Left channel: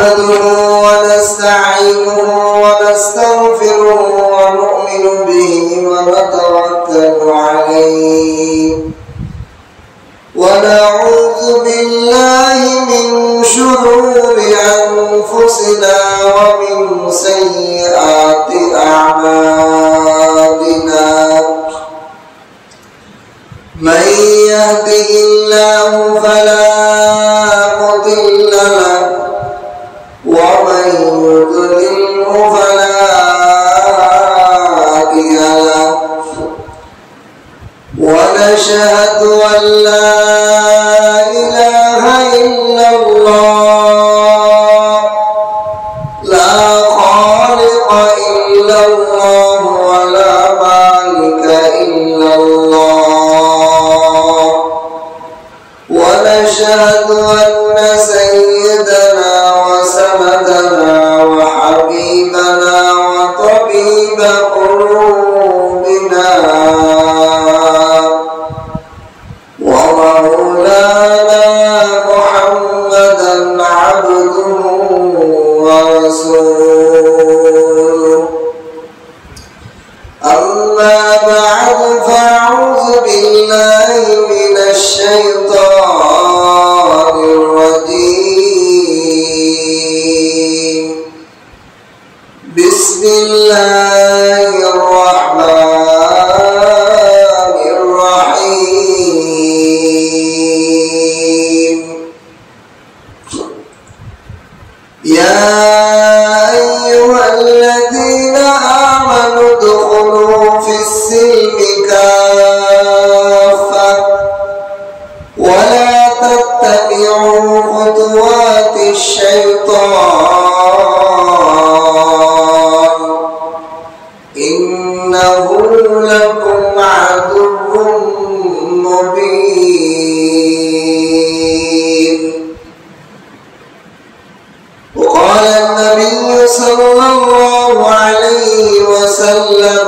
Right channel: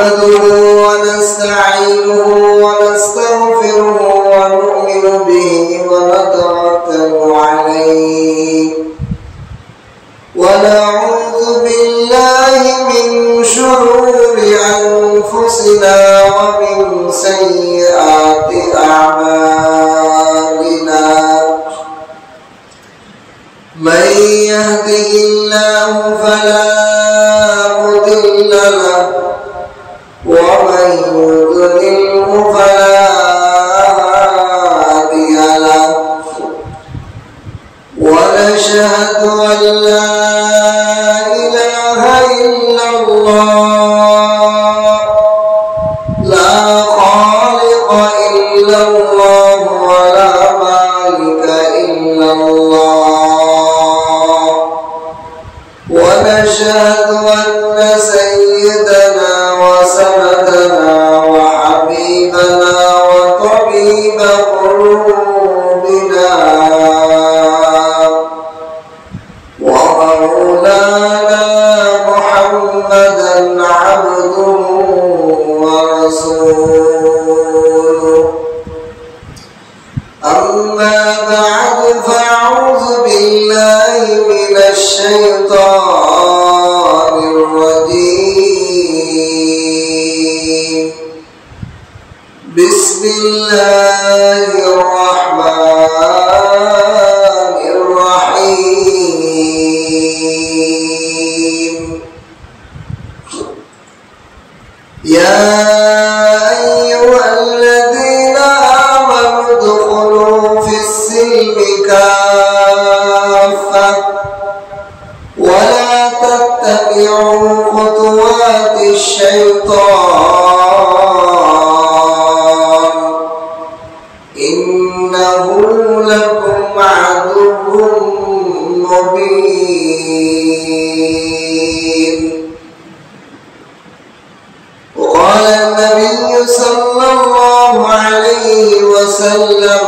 نحمده ونستعينه ونستغفره ونؤمن به ونتوكل عليه ونعوذ بالله من شرور أنفسنا ومن سيئات أعمالنا من يهده الله فلا مضل له ومن يضلله فلا هادي له ونشهد أن لا إله إلا الله لا خالق إلا الله ولا مالك إلا الله ونشهد أن سيدنا وسندنا وحبيبنا وطبيب قلوبنا ومولانا محمدا عبده ورسوله أما بعد فأعوذ بالله من الشيطان الرجيم بسم الله الرحمن الرحيم يا أيها الذين آمنوا ادخلوا في السلم كافة ولا تتبعوا خطوات الشيطان إنه لكم عدو مبين. وقال النبي صلى الله عليه وسلم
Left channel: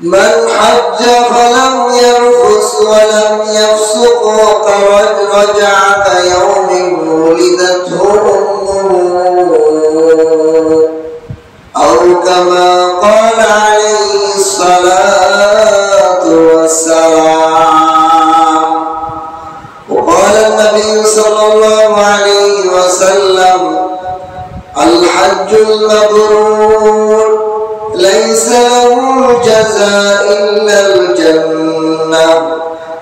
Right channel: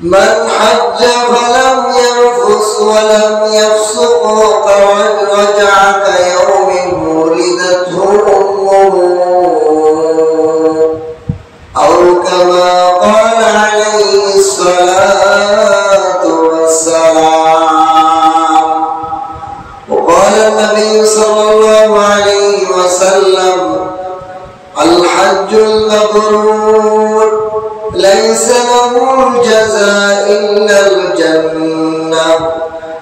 من حج فلم يرفث ولم يفسق رجع كيوم ولدته أمه أو كما قال عليه الصلاة والسلام. وقال النبي صلى الله عليه وسلم الحج المبرور ليس له جزاء إلا الجنة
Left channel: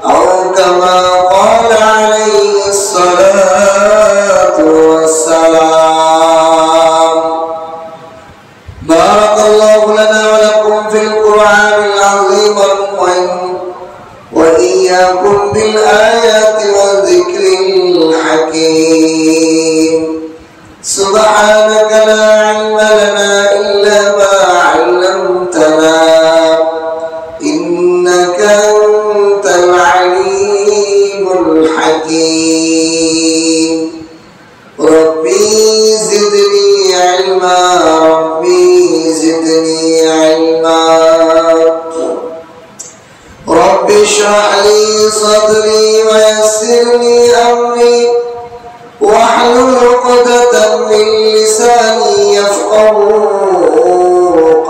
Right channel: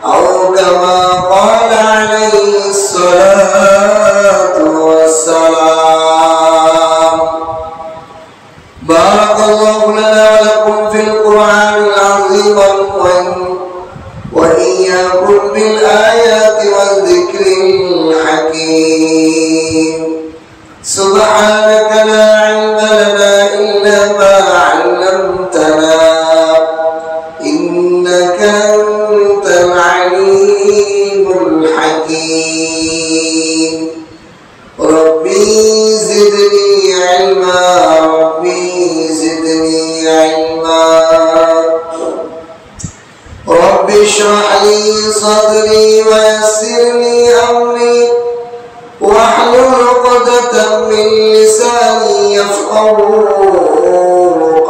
أو كما قال عليه الصلاة والسلام. بارك الله لنا ولكم في القرآن العظيم وإياكم بالآيات والذكر الحكيم. سبحانك لا علم لنا إلا ما علمتنا إنك أنت العليم الحكيم. ربي زدني علما ربي زدني علما. رب اشرح لي صدري ويسر لي أمري واحلل عقدة من لساني يفقهوا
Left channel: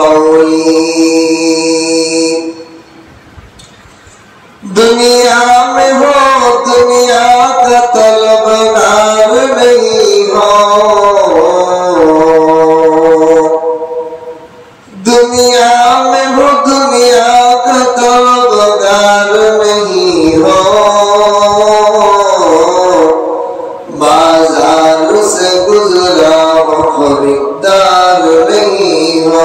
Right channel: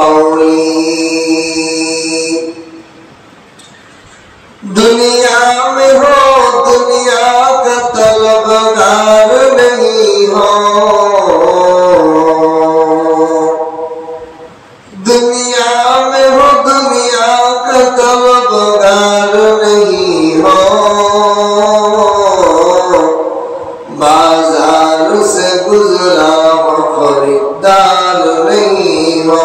قولي. दुनिया में हो दुनिया का तलबगार नहीं हो, दुनिया में हो दुनिया का तलबगार नहीं हो, बाजार से गुजरा हो खरीदार नहीं हो,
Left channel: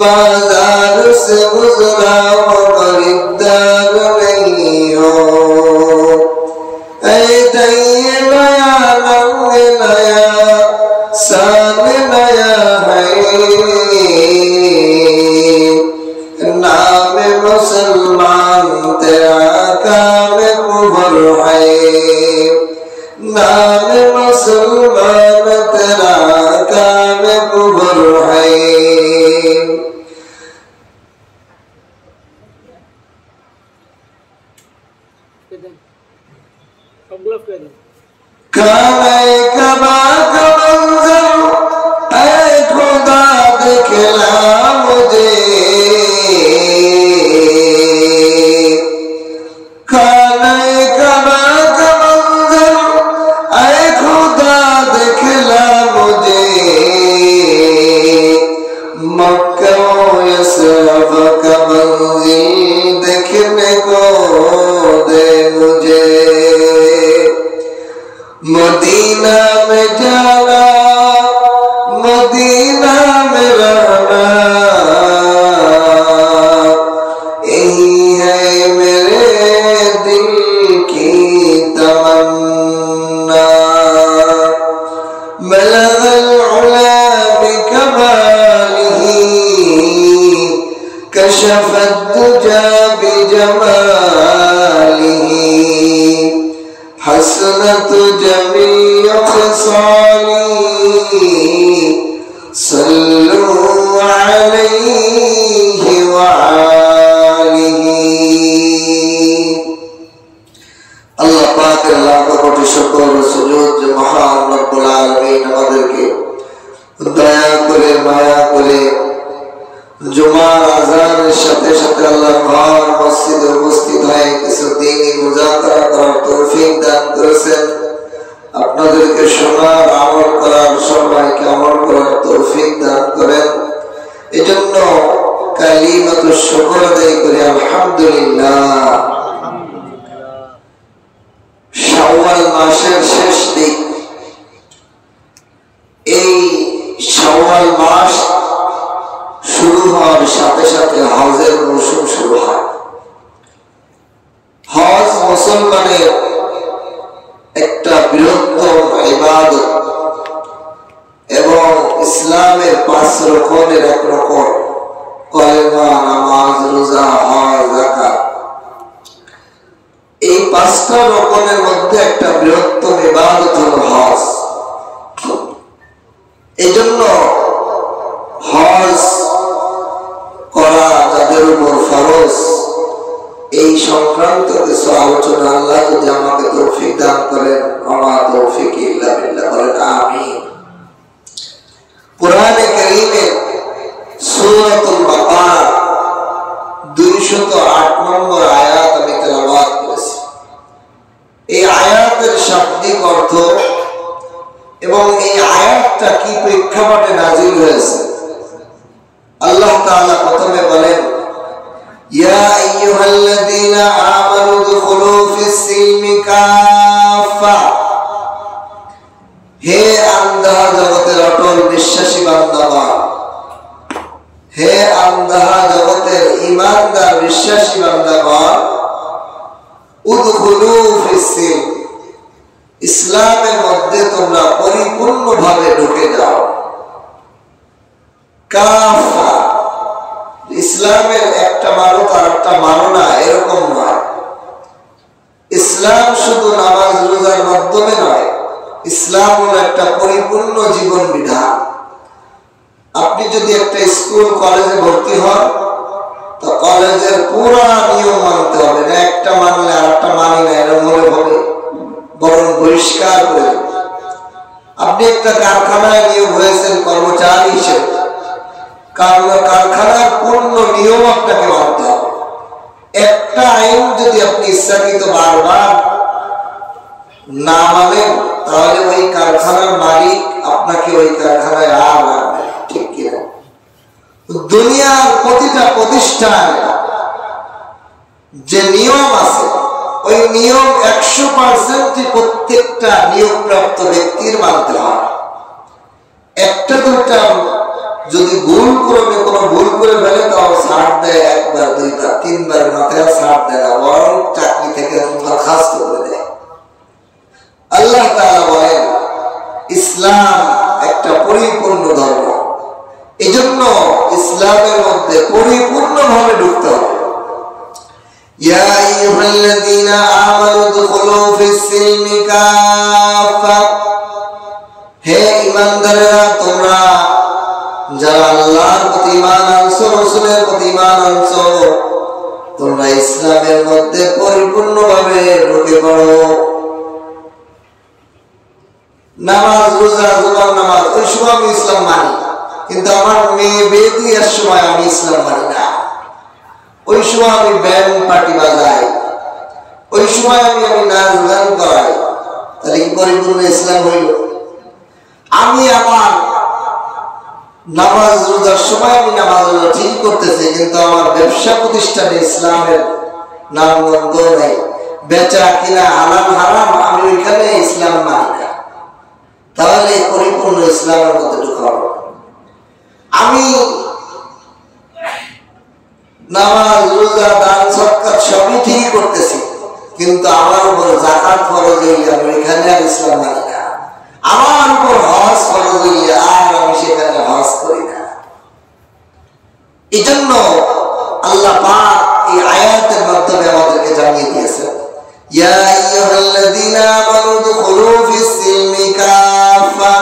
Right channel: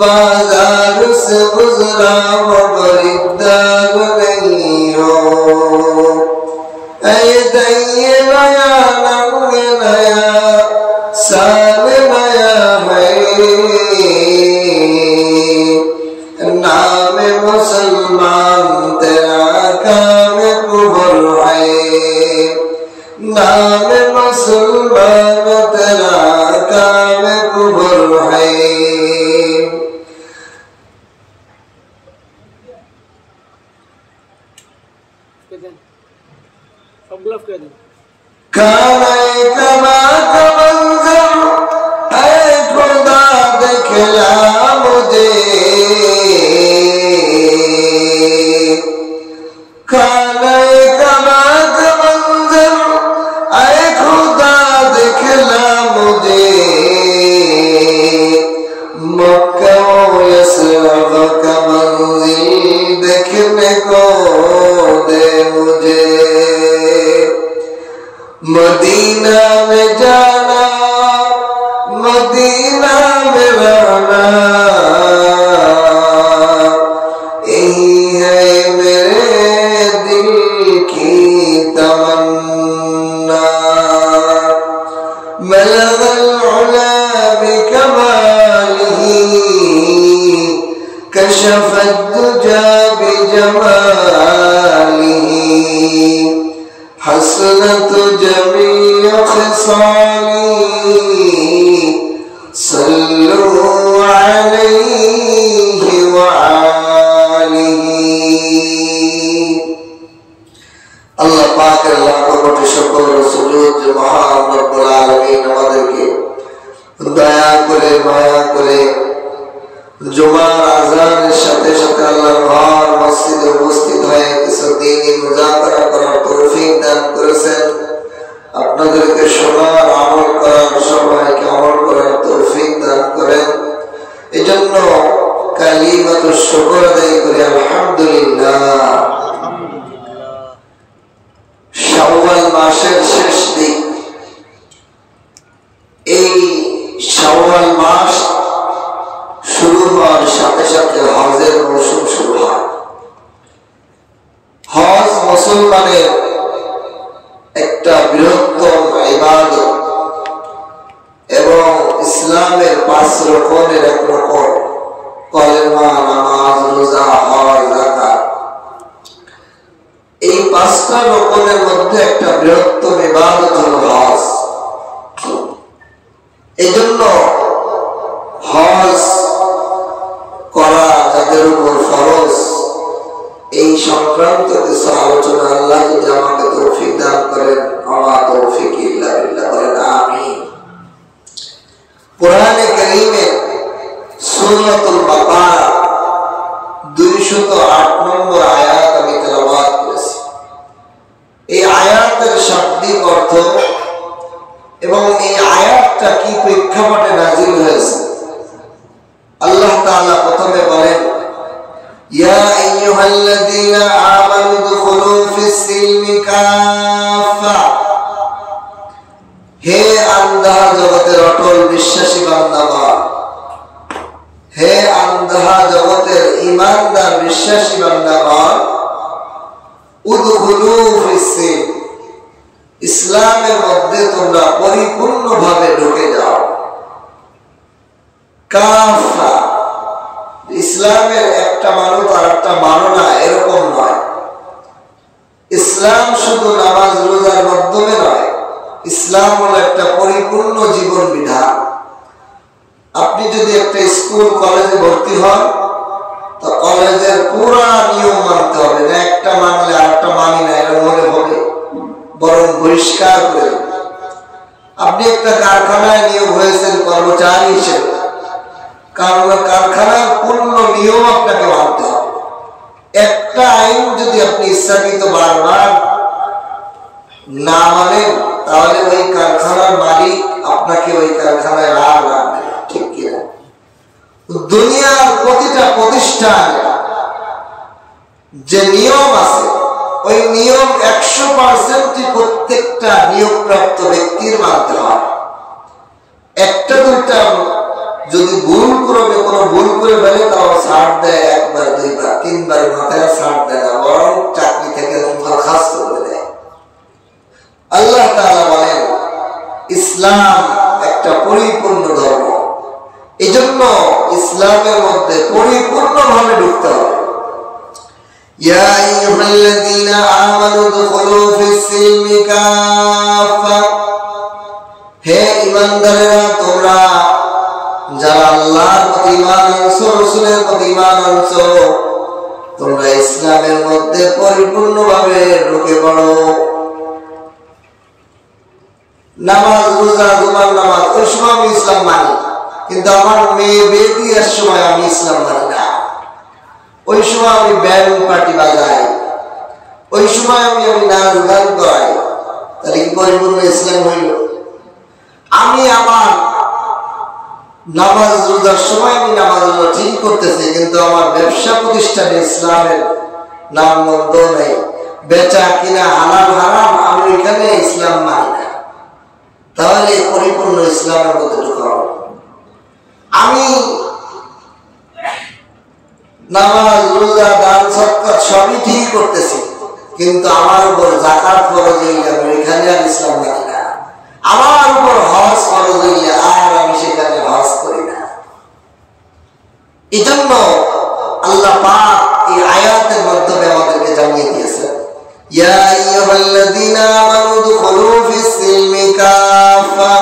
बाजार से गुजरा हो खरीदार नहीं हो। ऐ दैये नया रंग नया साल नया है, नाम मुसलमान तेरा काम कुफर है, नाम मुसलमान तेरा काम कुफर है। काने कमा का मंजर ऐ खुदा दिखला मुझे, काने कमा का मंजर ऐ खुदा दिखला मुझे, मक्का यसरफ का मंजिल देखने को दे मुझे, मदीना में जाना मदीना में रहना, यही है मेरे दिल की तमन्ना, बलगल उला बिकमालिही कशफत दुजा बिजमालिही, हसनत जमीअ ख़िसाली सल्लू अलैहि व आलिही। अल्लाह पाक लाखों कोटि शुक्र और सुजूद जो महान रब्बुल आलमीन আমাদেরকে দয়া করে মায়া করে জুমার আযানের সাথে সাথে আল্লাহর ঘর মসজিদে উপস্থিত হয়ে কিছু দ্বীনি মুযাকারা করার তৌফিক দান করেছেন। আপনাদেরকে শোনার আমল করার সবাইকে আমল করার তৌফিক দান করেন। এজন্য কালিমাতুশ শুকর আদায় করি আলহামদুলিল্লাহ। শাওয়াল মাসের শেষ দিক, এই শাওয়াল মাস শুরু হওয়ার সাথে সাথে হজের মৌসুম শুরু হয়। হজ মুসলমানের একটা বৃহত্তম ইবাদত এবং ইসলামের 5 রকমের এক রকম, কলেমা, নামাজ, রোজা, হজ, যাকাত। এই 5টা রকমের মধ্যে একটা বৃহত্তম ইবাদত হলো হজ। এজন্য হজ করা যাদের উপর ফরজ, এই সংক্রান্ত কিছু আলোচনা আল্লাহ যদি আমাকে তৌফিক দান করেন, আমার তৌফিক ইল্লা বিল্লাহ, বলেন আমিন। কোরআনে কারীমে সূরাতুল বাকারা 208 নম্বর আয়াত আমি তেলাওয়াত করেছি। এই আয়াতের শাব্দিক অর্থ এবং এই আয়াতটা কি প্রেক্ষাপটে নাযিল হয়েছে, আল্লাহ তাআলা প্রথমে বলেন, ইয়া আইয়ুহাল্লাযীনা আমানু দুখুলু ফিস-সিলমি কাফা, হে আন্ধাহা জগতের অটল বিশ্বাসী বান্দাগণ, হে আন্ধাহা জগতের ঈমানদার বিশ্বাসী বান্দাগণ, উদখুলু ফিস-সিলম, ইসলামের মধ্যে তোমরা পরিপূর্ণভাবে ঢুকে যাও। কাফা, ইসলামের একটা মানো আর একটা মানো না এরকম নয়। ইসলাম শুধু নামাজ রোজার মাধ্যমে নয়, ইসলাম হলো একটা পরিপূর্ণ জীবন বিধান। আপনি যদি একটা স্কুল কলেজে ভর্তি হন, তো কলেজের পুরো নিয়ম মানতে হবে না, একটা মানলে আরেকটা মানি না এর মনে হবে, বরং বহিষ্কার করে। আপনি একটা কারখানায় নিয়োগ হয়েছেন কর্মচারী হিসেবে, কারণ কারখানার পূর্ণ নিয়ম আপনাকে মানতে হবে। একটা আইন যদি আপনি ইচ্ছাকৃত বারবার না মানেন, তাহলে ওই কারখানার মালিক আপনাকে ওই কারখানায় আর রাখবে, ঠিক কিনা? দুনিয়ার প্রতিটা প্রতিষ্ঠানে যে নিয়ম আছে, ওই নিয়ম 100% প্রত্যেকটা নিয়োগপ্রাপ্ত ব্যক্তির মানতে হয়। একটা দুটা যদি ভুল করবে, কোনো ভুল করে ফেলে, তাও ছাড় দেয়, 1 বার 2 বার 3 বার মাথায় ছাড় দেয় না, বরং চাকরি থেকে বরখাস্ত করে দেয়। আল্লাহ তাআলা বলেন ইসলাম একটা পরিপূর্ণ ধর্ম, এজন্য ইসলামের মধ্যে পরিপূর্ণভাবে ঢুকতে হবে। ইয়া আইয়ুহাল্লাযীনা আমানু দুখুলু ফিস-সিলমি কাফা, হে ঈমানদাররা, তোমরা যারা আল্লাহর প্রতি ঈমান আনছো, রাসূলের প্রতি ঈমান আনছো, তোমরা ইসলামের মধ্যে পরিপূর্ণভাবে ঢুকে পড়ো। নামাজ রোজা জুমার নামাজ ওই সময় আমি ইসলাম মানি, কিন্তু আমার মেয়ে বিয়ে দেওয়ার সময় আমি ইসলাম মানি না। ওই সময় আমি ব্যান্ড পার্টি বাজাই, ওই সময় আমি নাচ গান করাই, তাহলে কি পরিপূর্ণ ইসলাম হইল? আমি আমার নামাজ রোজার সময় আমি নামাজ রোজা ঠিক করতেছি, কিন্তু আমার ব্যবসা প্রতিষ্ঠানে ইসলামের নাম গন্ধ নেই, বেচা কিনা হালাল হারাম, আমি এখানে ইসলাম মানি না, তাহলে পরিপূর্ণ ইসলামের মধ্যে ঢুকা। আমি নামাজ রোজা দান সদকাত সবই ঠিক করতেছি, কিন্তু আমার উপর যাকাত ফরজ হইলে আমি এখানে আর ইসলাম মানি না। আমার উপর হজ ফরজ হইলে আর আমি সেখানে হজ করি না। এই জন্য আল্লাহ পাক এই আয়াতের মাধ্যমে আমাদেরকে জানিয়ে দিয়েছেন, ইয়া আইয়ুহাল্লাযীনা আমানু দুখুলু ফিস-সিলমি কাফা,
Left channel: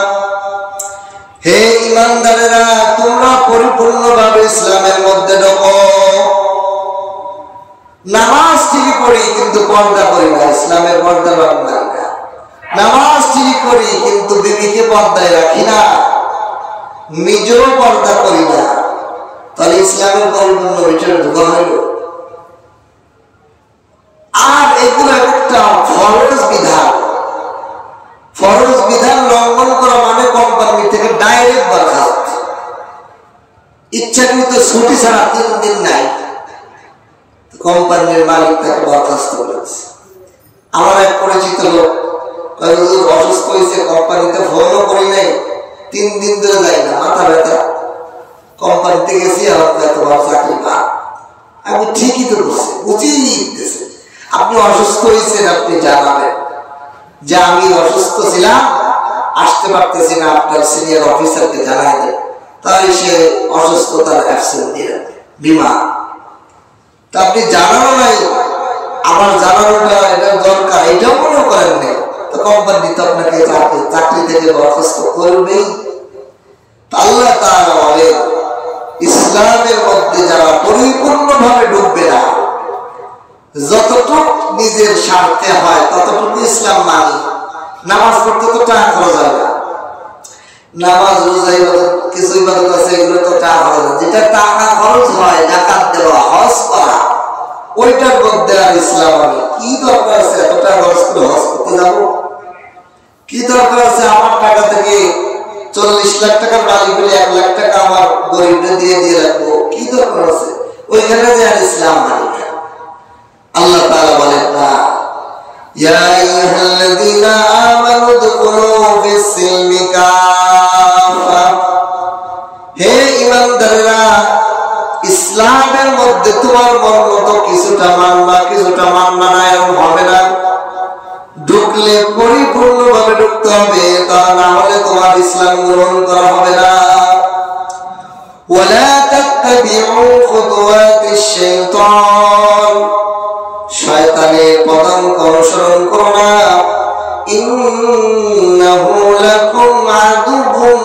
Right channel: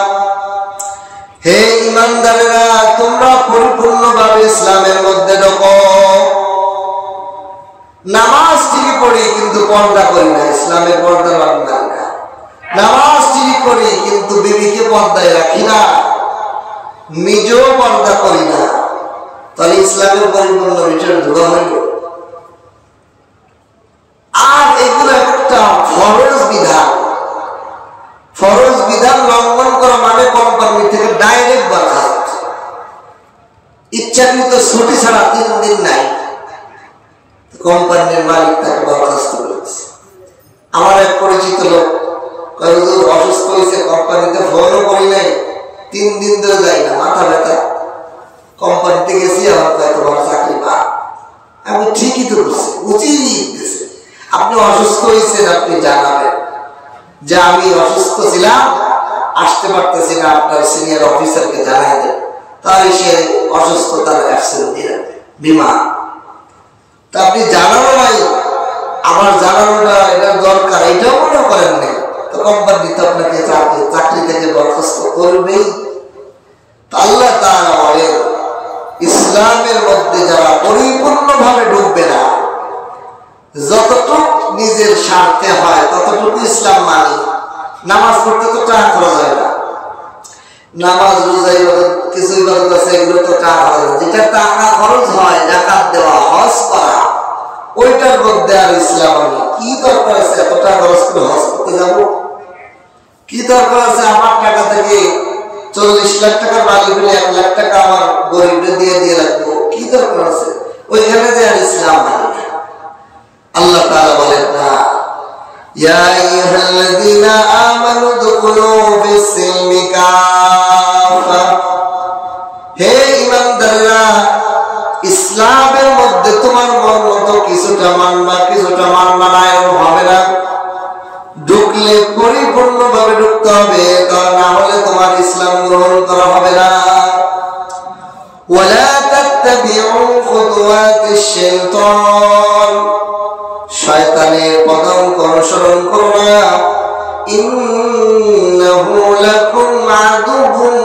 হে ঈমানদারেরা তোমরা পরিপূর্ণভাবে ইসলামের মধ্যে ঢোকো। নামাজ ঠিক করি কিন্তু পর্দা করি না, ইসলামের পর্দা মানি না। নামাজ ঠিক করি কিন্তু বিবিকে পর্দায় রাখি না, নিজেও পর্দা করি না, তাহলে ইসলামের পরিপূর্ণ ভিতরে ঢোকা হইল। আর এগুলো একটা ফরজ বিধান। ফরজ বিধান লঙ্ঘন করা মানে কোম্পানি থেকে ডাইরেক্ট বরখাস্ত, ইচ্ছাকৃত ছুটি ছাড়া 3 দিন নাই, কোম্পানির মালিক তাকে বরখাস্ত করেছে। আমার এক পরিচিত লোক অসুস্থ হয়েছে, কোম্পানিতে ফোনও করি নাই, 3 দিন ধরে যাই না, মাথা ব্যথা, কোম্পানিতে গেছি আমার তোমার চাকরি পা। আমি ঠিকই তো করছি, উচিত দিয়েছে, আপনি অসুস্থ হয়েছেন, আপনি জানাবেন যে আমি অসুস্থ ছিলাম, আসতে পারতেছি না, আপনার সিনিয়র অফিসারকে জানাই দেন, তাহলে সে অসুস্থতার অ্যাবসেন্ট দিয়ে রাখবে বিমা। তা আপনি জানানো নাই, আমার জানানোটা এটা দরকার, এটাও মনে করেন নাই, তো কোম্পানি তো আপনাকে চাকরি থেকে বরখাস্ত করবেই। আল্লাহ তাআলা বলেন, ইসলামের মধ্যে যারা পরিপূর্ণভাবে ঢুকবে না, যতটুকু নিজের স্বার্থে হয় ততটুকু ইসলাম মানি। নামাজ পড়তে তো টাকা খরচ হয় না, নামাজ রোজা কিছু ইবাদত আছে এগুলো তো টাকা খরচ হয়, যেটা টাকা খরচ হয় যাকাত দেওয়া হজ করা, ওইটার মধ্যে আর ইসলাম আমি কি দরকার আছে এত টাকা খরচ করে হজ করতে যাবো? কি দরকার আছে আমার টাকা থেকে 40 লাখ টাকার মালিক হলে 1 লাখ টাকা আমার গরিবদের দিয়ে রাখবো? কি দরকার আছে? ওইখানে যে আর ইসলাম মানি না। আল্লাহ তাআলা বলেন না, ইয়া আইয়ুহাল্লাযীনা আমানু দুখুলু ফিস-সিলমি কাফা, হে ঈমানদাররা ইসলামের মধ্যে তোমার মন মতো কিছুটা মানবা কিছুটা মানবা না, এরকম হবে না। ঢুকলে পরিপূর্ণভাবে ঢুকতে হবে, কারণ না হলে তোমার ইসলাম গ্রহণ করা হবে না। ওয়ালা তাত্তাবিউ খুতুওয়াতিশ শাইতান, শয়তানের পদাঙ্ক অনুসরণ করো না। ইন্নাহু লাকুম আদুউম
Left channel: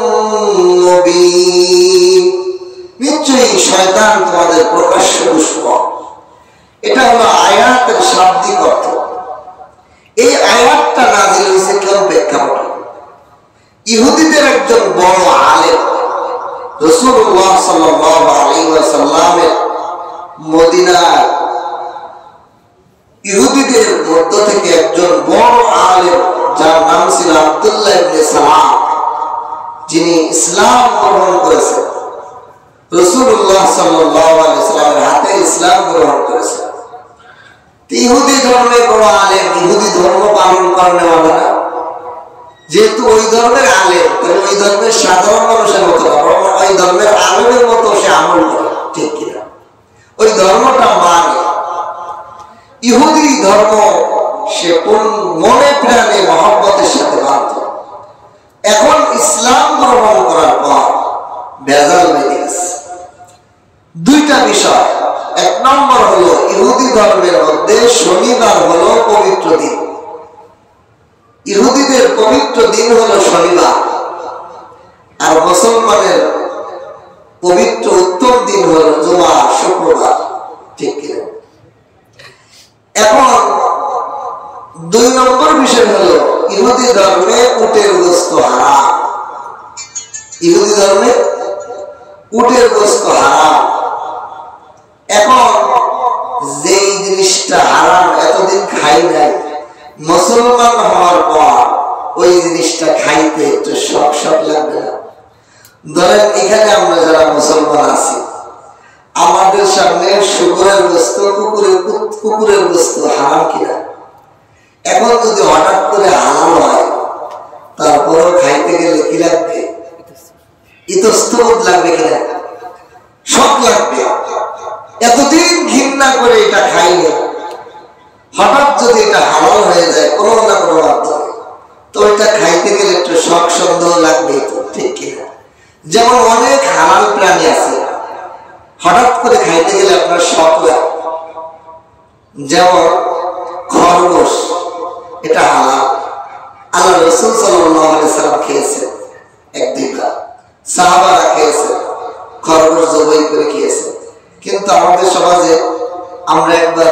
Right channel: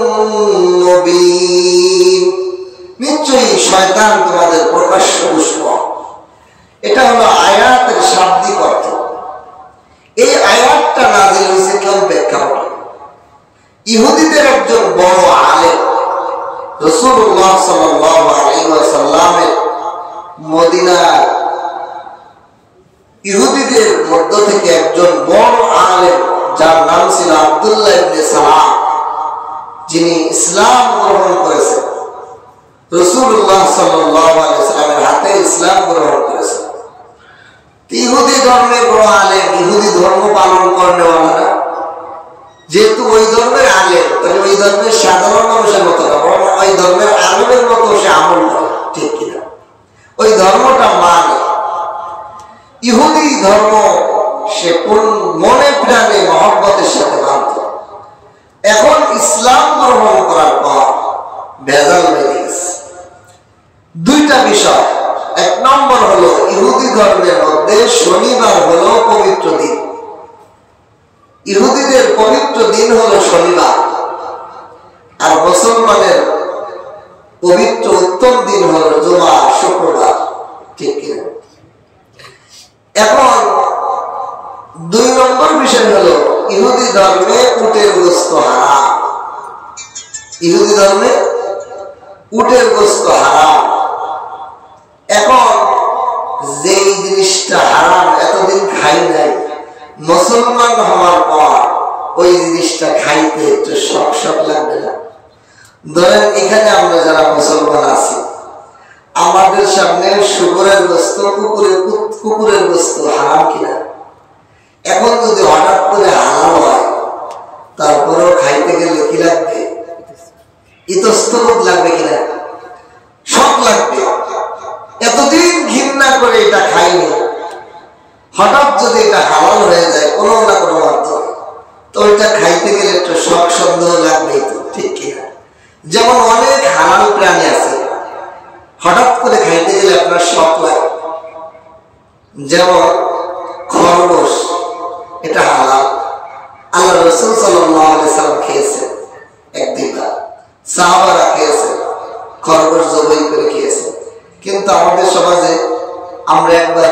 মুবিন, নিশ্চয়ই শয়তান তোমাদের প্রকাশ্য দুশমন। এটা হলো আয়াতের শাব্দিক অর্থ। এই আয়াতটা নাযিল হয়েছে কোন প্রেক্ষাপটে? ইহুদিদের একজন বড় আলেম রাসূলুল্লাহ সাল্লাল্লাহু আলাইহি ওয়াসাল্লামের মদিনা ইহুদিদের মধ্য থেকে একজন বড় আলেম, যার নাম ছিল আব্দুল্লাহ ইবনে সালাম, যিনি ইসলাম গ্রহণ করেছেন, রাসূলুল্লাহ সাল্লাল্লাহু আলাইহি ওয়াসাল্লামের হাতে ইসলাম গ্রহণ করেছেন। ইহুদি ধর্মের বড় আলেম, ইহুদি ধর্ম পালন করেনা, যেহেতু ওই ধর্মের আলেম, তাহলে ওই ধর্মের সাধারণ মানুষের মতো না, বরং ওই ধর্মের আলেমের মতো সে আমল করে, ঠিক কিনা? ওই ধর্মটা মানে ইহুদি ধর্ম সে মনে প্রাণে মহব্বতের সাথে মানত। এখন ইসলাম গ্রহণ করার পর ভেজাল বেড়ে গেছে। 2টা বিষয়। 1 নম্বর হলো ইহুদি ধর্মের মধ্যে শনিবার হলো পবিত্র দিন, ইহুদিদের পবিত্র দিন হলো শনিবার, আর মুসলমানের পবিত্র উত্তম দিন হলো জুমা, শুক্রবার, ঠিক কিনা? এখন ধর্মে উটের গোশত হারাম, ইহুদি ধর্মে উটের গোশত হারাম। এখন যেই জিনিসটা হারাম এতদিন খাই নাই, মুসলমান হওয়ার পর ওই জিনিসটা খাইতে একটু শখ শখ লাগবে না? ধরেন এখানে আমরা যারা মুসলমান আছি, আমাদের সামনে শুকরের গোশত, কুকুরের গোশত হারাম কিনা? এখন যদি হঠাৎ করে হালাল হয়, তারপরেও খাইতে গেলে কি লাগবে? ইতস্তবোধ লাগবে কিনা? শখ লাগবে। এতদিন ঘৃণা করে এটা খাইনি, হঠাৎ যদি এটা হালাল হয়ে যায় কোনো না কোনো মাধ্যমে, তো এটা খাইতে গেলে একটু শখ সন্দেহ লাগবেই তো, ঠিক কিনা? যেমন অনেক হালাল প্রাণী আছে, হঠাৎ করে খাইতে গেলে আপনার শখ লাগে। যেমন খরগোশ, এটা হালাল, আল্লাহ রাসূল সাল্লাল্লাহু আলাইহি সাল্লাম খেয়েছেন, একদিনকার সাহাবারা খেয়েছেন, খরগোশ জবাই করে খেয়েছেন। কিন্তু আমাদের সমাজে আমরা একবার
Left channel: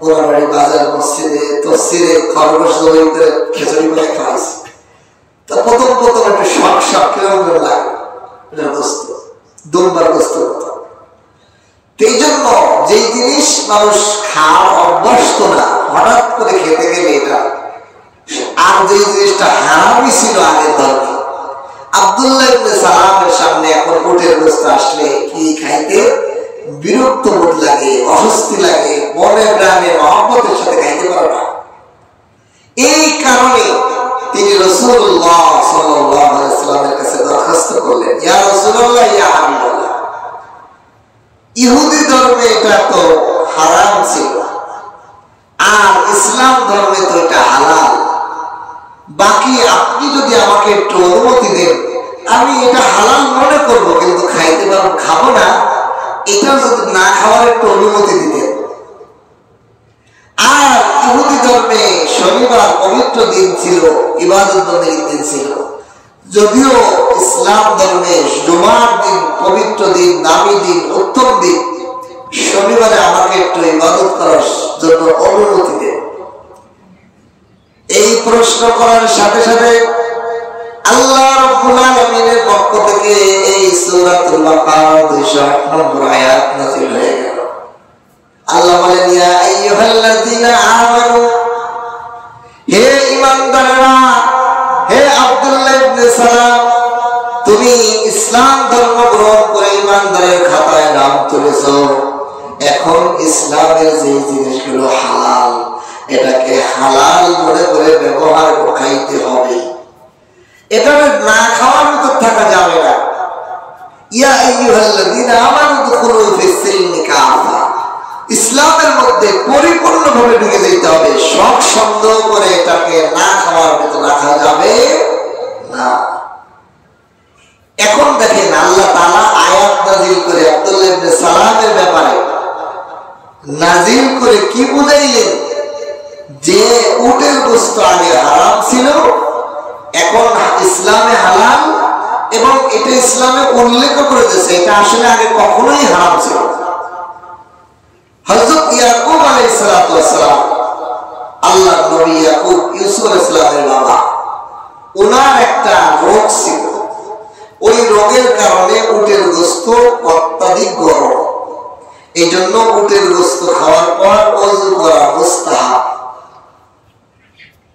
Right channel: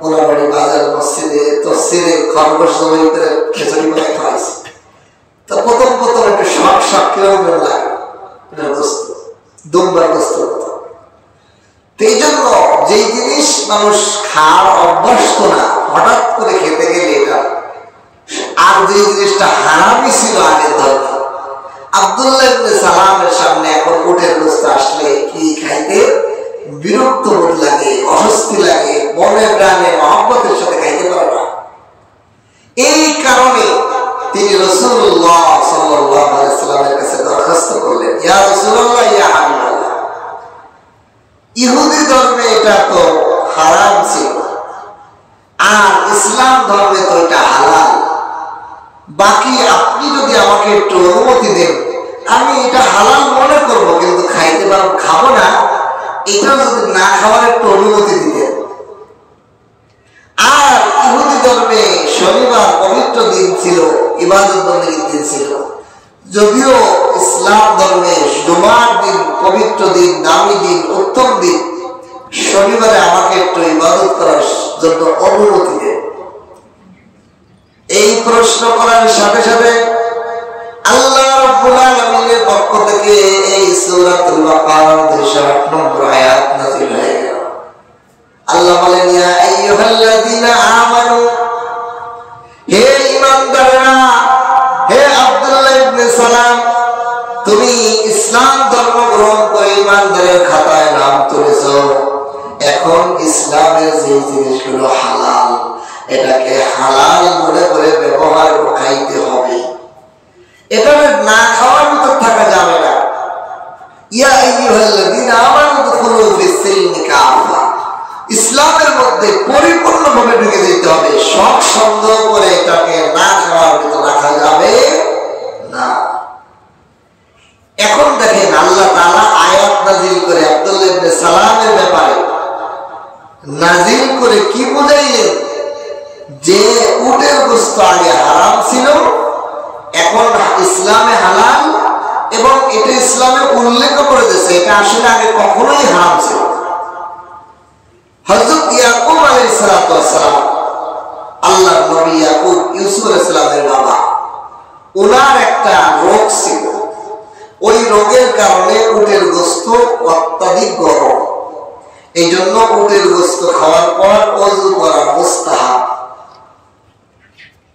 পোড়াবাড়ি বাজার মসজিদে তফসিরে খরগোশ জবাই করে খিচুড়ি করে খাওয়াইছি। তো প্রথম একটু শখ শখ কিরকম লাগে, এটা গোশত, দুম্বার গোশত হতো। এই জন্য যেই জিনিস মানুষ খাওয়ার অভ্যস্ত না, হঠাৎ করে খেতে গেলে এটা, আর যে জিনিসটা হারামই ছিল আগের ধর্মে। আব্দুল্লাহ ইবনে সালামের সামনে এখন উটের গোশত আসলে কি খাইতে বিরক্ত বোধ লাগে, অস্বস্তি লাগে, মনে প্রাণে মহব্বতের সাথে খাইতে পারে না। এই কারণে তিনি রাসূলুল্লাহ সাল্লাল্লাহু আলাইহি ওয়াসাল্লামের কাছে দরখাস্ত করলেন, ইয়া রাসূলুল্লাহ, ইয়া হাবিবাল্লাহ, ইহুদি ধর্মে এটা তো হারাম ছিল, আর ইসলাম ধর্মে তো এটা হালাল। বাকি আপনি যদি আমাকে একটু অনুমতি দেন, আমি এটা হালাল মনে করব, কিন্তু খাইতে পারবো, খাবো না, এটা যদি না খাওয়ার একটু অনুমতি দিতেন। আর ইহুদি ধর্মে শনিবার পবিত্র দিন ছিল, ইবাদত বন্দেগীর দিন ছিল, যদিও ইসলাম ধর্মে জুমার দিন পবিত্র দিন, দামি দিন, উত্তম দিন। শনিবারে আমাকে একটু ইবাদত করার জন্য অনুমতি দেন। এই প্রশ্ন করার সাথে সাথে আল্লাহ রাব্বুল আলামিনের পক্ষ থেকে এই সূরাতুল বাকারা 208 নম্বর আয়াত নাযিল হয়ে গেল। আল্লাহ বলেন, ইয়া আইয়ুহাল্লাযীনা আমানু, হে ঈমানদাররা, হে আব্দুল্লাহ ইবনে সালাম, তুমি ইসলাম ধর্ম গ্রহণ করে ঈমানদারের খাতায় নাম তুলেছো। এখন ইসলামের যে জিনিসগুলো হালাল, এটাকে হালাল মনে করে ব্যবহার খাইতে হবে, এটা না খাওয়ার ভিতর থাকা যাবে না। ইয়া আইয়ুহাল্লাযীনা আমানু দুখুলু ফিস-সিলমি কাফা, ইসলামের মধ্যে পরিপূর্ণভাবে ঢুকে যেতে হবে। শখ সন্দেহ করে এটাকে না খাওয়ার ভিতর রাখা যাবে না। এখন দেখেন আল্লাহ তাআলা আয়াত নাযিল করে আব্দুল্লাহ ইবনে সালামের ব্যাপারে নাযিল করে কি বুঝাইলেন, যে উটের গোশত আগে হারাম ছিল, এখন ইসলামে হালাল, এবং এটা ইসলামে উল্লেখ করে দিয়েছে এটা আসলে আগে কখনোই হারাম ছিল। হযরত ইয়াকুব আলাইহিস সালাতু ওয়াস সালাম, আল্লাহর নবী ইয়াকুব, ইউসুফ আলাইহিস সালামের বাবা, ওনার একটা রোগ ছিল। ওই রোগের কারণে উটের গোশত অত্যাধিক গরম, এই জন্য উটের গোশত খাওয়ার পর ওযু করা মুস্তাহাব।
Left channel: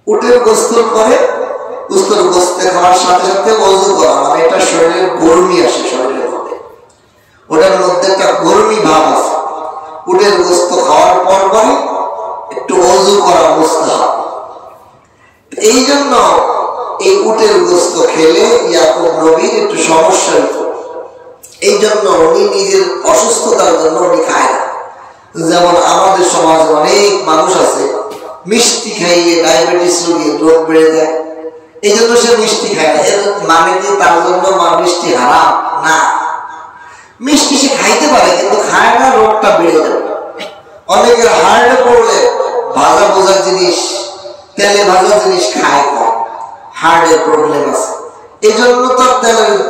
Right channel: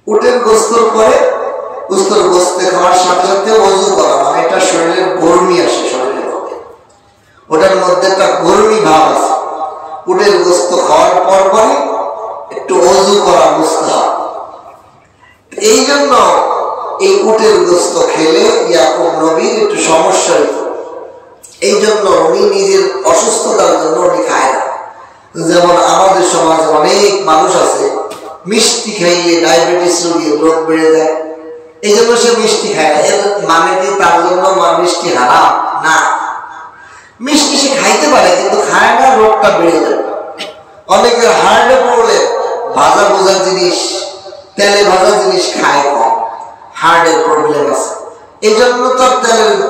উটের গোশতের পরে গোশত খাওয়ার সাথে সাথে ওযু করা, মানে এটা শরীরের গরমি আসে, শরীরের মধ্যে ওটার মধ্যে একটা গরমি ভাব আছে। উটের গোশত খাওয়ার পর পরে একটু ওযু করা মুস্তাহাব। এই জন্য এই উটের গোশত খেলে ইয়াকুব নবীর একটু সমস্যা হতো, এই জন্য উনি নিজের অসুস্থতার জন্য উনি খায় না। যেমন আমাদের সমাজে অনেক মানুষ আছে, মিষ্টি খাইলে ডায়াবেটিস রোগীর রোগ বেড়ে যায়, এই জন্য সে মিষ্টি খায় না। এর মানে কি তার জন্য মিষ্টি হারাম? না, মিষ্টি সে খাইতে পারে, কিন্তু খায় না, রোগটা বেড়ে যাবে। অনেকের হার্টে পড়লে ভাজা ভোজা জিনিস, তেলে ভাজা জিনিস খায় কম, হার্টের প্রবলেম আছে, এই জন্য তার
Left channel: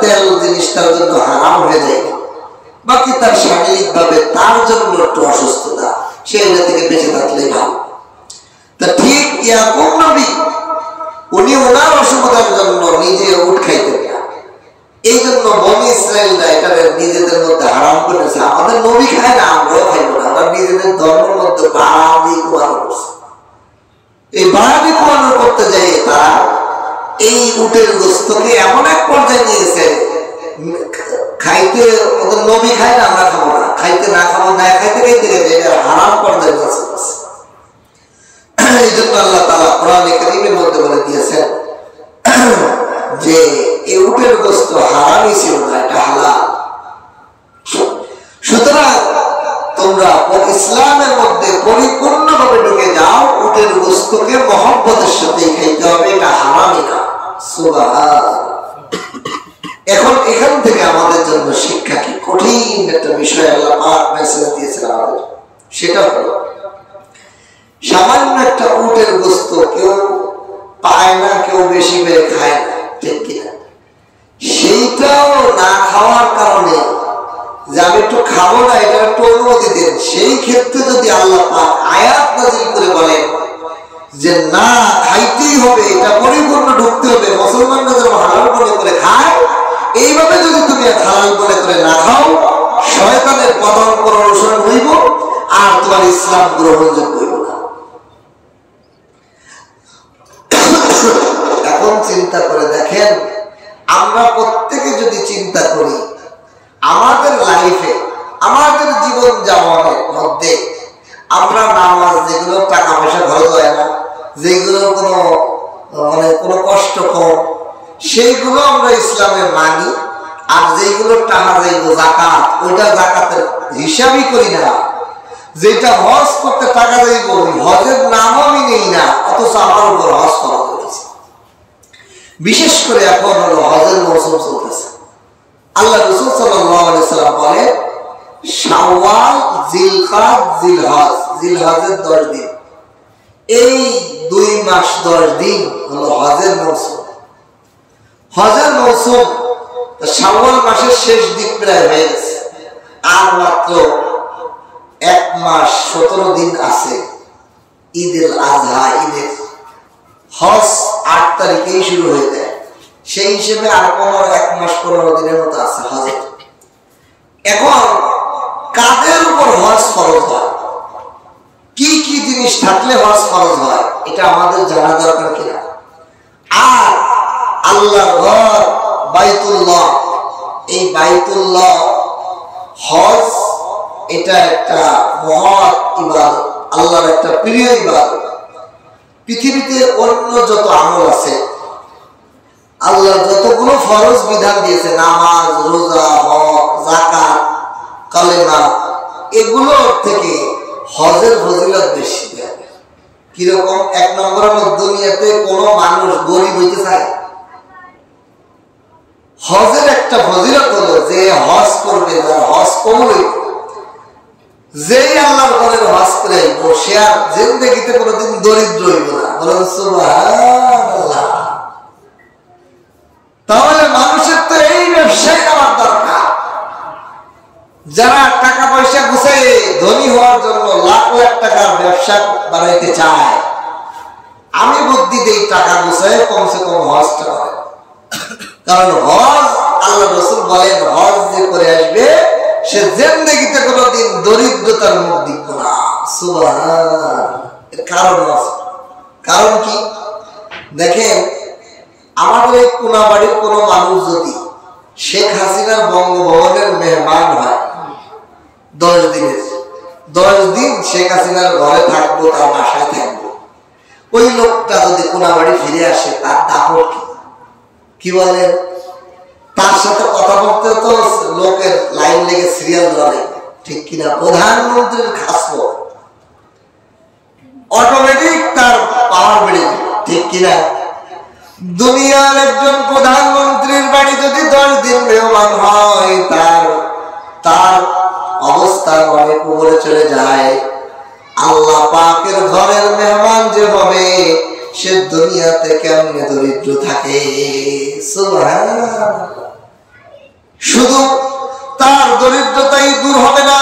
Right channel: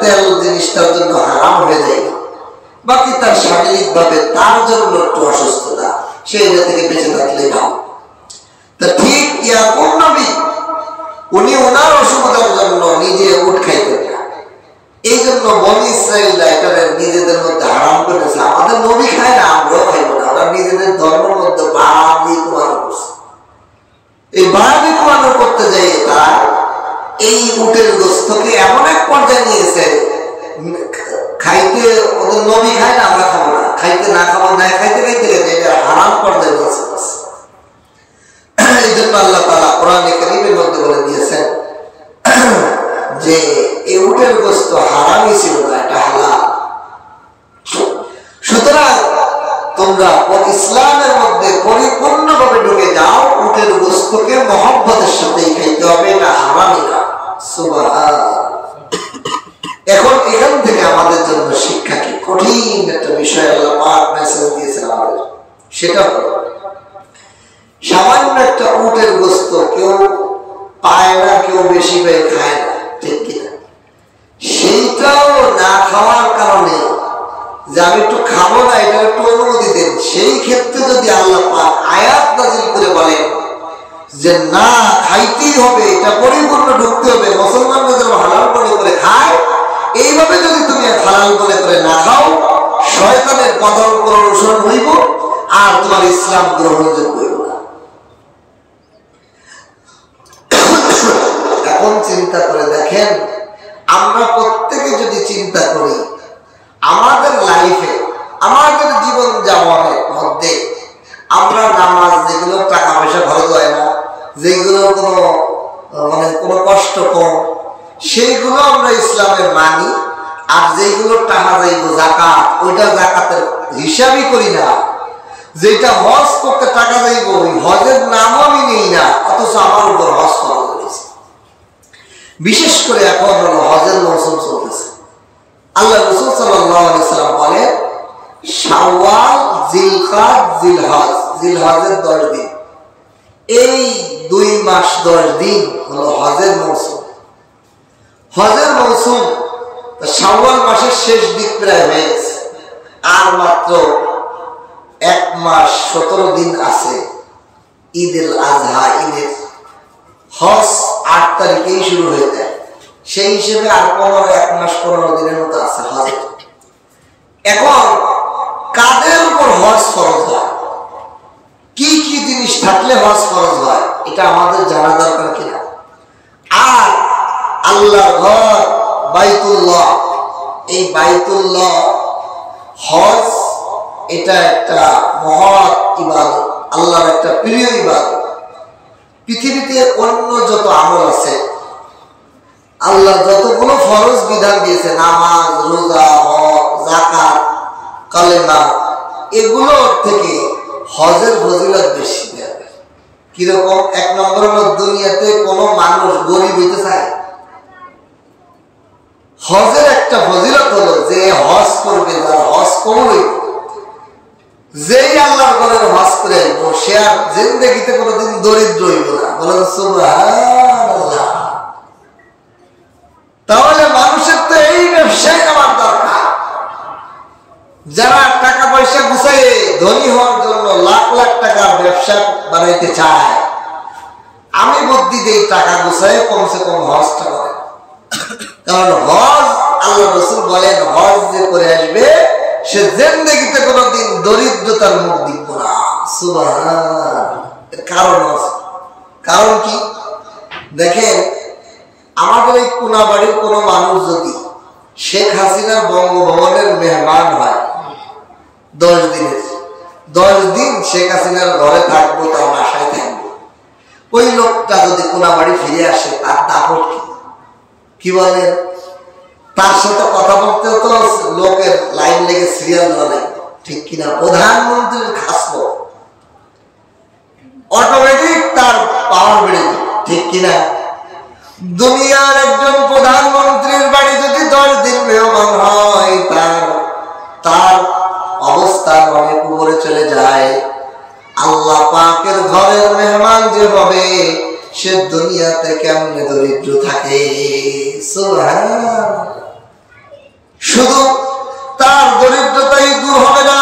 তেল জিনিস তার জন্য হারাম হয়ে যায়। বাকি তার শারীরিক ভাবে তার জন্য একটু অসুস্থতা, সে এটা থেকে বেঁচে থাকলে ভালো। তা ঠিক ইয়াকুব নবী উনি ওনার অসুবিধার জন্য নিজে উট খাইতেন না। এই জন্য বনি ইসরায়েলরা এটা নিজেদের মধ্যে হারাম করেছে। আমাদের নবী খায় না, আমরাও খাইব না। ওরা নিজেদের ধর্মের মধ্যে বাড়াবি কুমানো করছে। এই বাড়াবি কুমানো করতে যাই তারা এই উটের গোস্তকে এমন এক পর্যায়ে নিয়েছে, খাইতে ওদের নবী খায় না, আমরা খাবো না, খাইতে না খাবো না, খাইতে খাইতে গেছে এটা হারাম পর্যায়ে নিয়েছে। এই জন্য আল্লাহ তাআলা কোরআনে কারীমের মধ্যে বলে দিয়েছেন যে এই উটের গোস্ত হারামই ছিল না, এটা হালাল। সুতরাং তোমরা ইসলামের মধ্যে পরিপূর্ণভাবে ঢুকে যাও, উটের গোস্তকে মহব্বতের সাথে খাইতে হবে, এটা হারামই না। সুবহানাল্লাহ। এখন এখান থেকে আমাদের জন্য শিক্ষা কি? কঠিন একটা বিষয় আল্লাহ পাক মেসেজ দিয়েছেন আমাদের। সেটা হলো সামান্য একটা উটের গোস্ত কেউ পায় না, কেউ বেশি পেয়ে খায় না, ঠিক কিনা? সেইটাও না খাওয়ার কারণে যে আমি একটু খাবো না, এটা একটু অনুমতি দেন, সেই ক্ষেত্রে যদি আল্লাহ পাক আয়াত নাযিল করে বলেন যে না খাইতেই হবে, এটা পরিপূর্ণ ঢুকতে হবে, মুসলমানরা যেন হালাল মনে করে খায়, এইভাবে যদি তুমি হালাল মনে করে না খাও, শয়তানের পতন অনুসরণ হইব আর তোমার ইসলাম গ্রহণযোগ্য হইব না। এখন চিন্তা করে দেখেন, আমরা প্রত্যেকে যদি চিন্তা করি আমাদের লাইফে, আমাদের জীবন যাপনের মধ্যে আমরা নামাজ যেগুলো টাকা পয়সা খরচ হয় না, যেগুলো কোনো কষ্ট কম, সেইগুলো আমরা ইসলামে মানি, আর যেগুলো টাকা যাইব জাকাত, ওইটা জাকাতের হিসাবই করি না। যেটা হজ করতে টাকা যাইব, ওই হজের নামও আমি নেই না, অথচ আমার উপর হজ করা হয়েছে। বিশেষ করে এখন হলো হজের মৌসুম চলতেছে। আল্লাহ রাসূল সাল্লাল্লাহু আলাইহি সাল্লাম বলেন শাওয়াল, জিলকাদ, জিলহজ, জিলহজের 10 দিন, এই 2 মাস 10 দিন হলো হজের মৌসুম। হজের মৌসুম শাওয়াল মাসের শেষ দিক প্রায় হয়ে গেছে, আর মাত্র 1 মাস 17 দিন আছে ঈদুল আজহা, ঈদের। হজ 8 তারিখেই শুরু হয়ে যায়, সেই হিসেবে আর 1 মাস 15 দিনের মতো আছে হজ। এখন কাদের উপর হজ ফরজ হয়, কি কি জিনিস থাকলে হজ ফরজ হয়, এটা আমাদের জানা দরকার কিনা? আর আল্লাহর ঘর বাইতুল্লাহ, এই বাইতুল্লাহ হজ এটা একটা মহৎ ইবাদত, আল্লাহর একটা প্রিয় ইবাদত। পৃথিবীতে অন্য যত আমল আছে, আল্লাহ যতগুলো ফরজ বিধান দিয়েছে, নামাজ, রোজা, হজ, যাকাত, কালেমা, এগুলোর থেকে হজের ফজিলত বেশি। কিরকম? 1 নম্বর হলো দুনিয়াতে কোনো মানুষ গরিব হইতে চায়। হজের একটা ফজিলত হলো যে হজ করবে, যার হজ কবুল হইবে, যেই আল্লাহর ঘরের হজ করে আইব, সে আর জিন্দেগিতে কোনোদিন দরিদ্র হইব না। বলেন সুবহানাল্লাহ। তাহলে মানুষের তো এই ব্যবসায় নেওয়ার দরকার। যারা টাকা পয়সা গুছাই ধনী হওয়ার জন্য লাখ লাখ টাকার ব্যবসা বানাইতে চায়, আমি বুদ্ধি দেই টাকা গুছায় কমসে কম হজটা করে। কারণ হজ, আল্লাহ রাসূল বলেন, হজ যে করে আসবে সে জিন্দেগিতে কোনোদিন দরিদ্রতার মুখ দেখবে না। সুবহানাল্লাহ। কারণ আছে। কারণ কি? দেখেন, আমাদের এই কোনাবাড়ির কোনো মানুষ যদি শেখ হাসিনার বঙ্গভবনের মেহমান হয় 10 দিনের, 10 দিন শেখ হাসিনার ঘরে থাকবো, তার বাসায় থাকবো, ওই লোকটা যদি কোনাবাড়ি ফিরে আসে, তার দাপট কি বলেন? তার সাথে কথা বলতে তো লোকের লাইন লেগে সিরিয়াল দেওয়া লাগবে, ঠিক কিনা? প্রধানমন্ত্রীর খাসবো, অটোমেটিক তার পাওয়ার বেড়ে যাবে, ঠিক কিনা? দুনিয়ার একজন প্রধানমন্ত্রীর বাড়ি যদি 10 দিন মেহমান হয়, তার অবস্থা অনেক উপরে চলে যায়। আল্লাহ পাকের ঘরের মেহমান যে হবে, সে দুনিয়াতে কেমনে দরিদ্র থাকে। সুবহানাল্লাহ। শুধু তার দরিদ্রতাই দূর হবে না,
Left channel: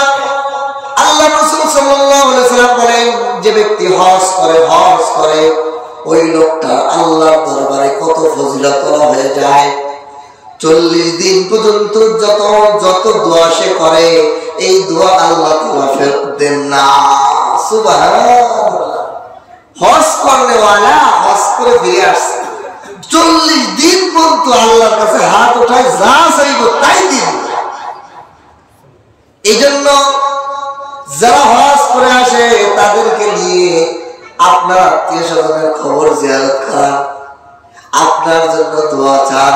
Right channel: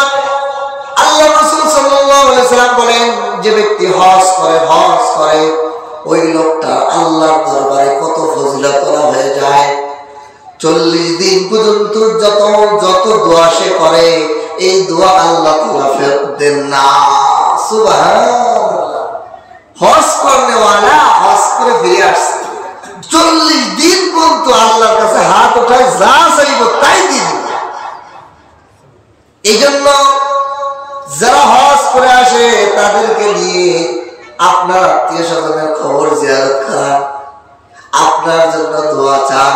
আল্লাহ রাসূল সাল্লাল্লাহু আলাইহি সাল্লাম বলেন, যে ব্যক্তি হজ করে ওই লোকটা আল্লাহর দরবারে কত ফজিলত হয়ে যায়। 40 দিন পর্যন্ত যত দোয়া সে করে এই দোয়া আল্লাহ তাআলা ফেরত দেন না। সুবহানাল্লাহ। হজ করনেওয়ালা হজ করে ফিরে আসছে, 40 দিন পর্যন্ত আল্লাহর কাছে হাত ওঠায়, যা চাইব তাই দিন। এই জন্য যারা হজ করে আসে তাদেরকে নিয়ে আপনার আত্মীয় স্বজনের খবর জিয়ারত করান, আপনার জন্য দোয়া চান,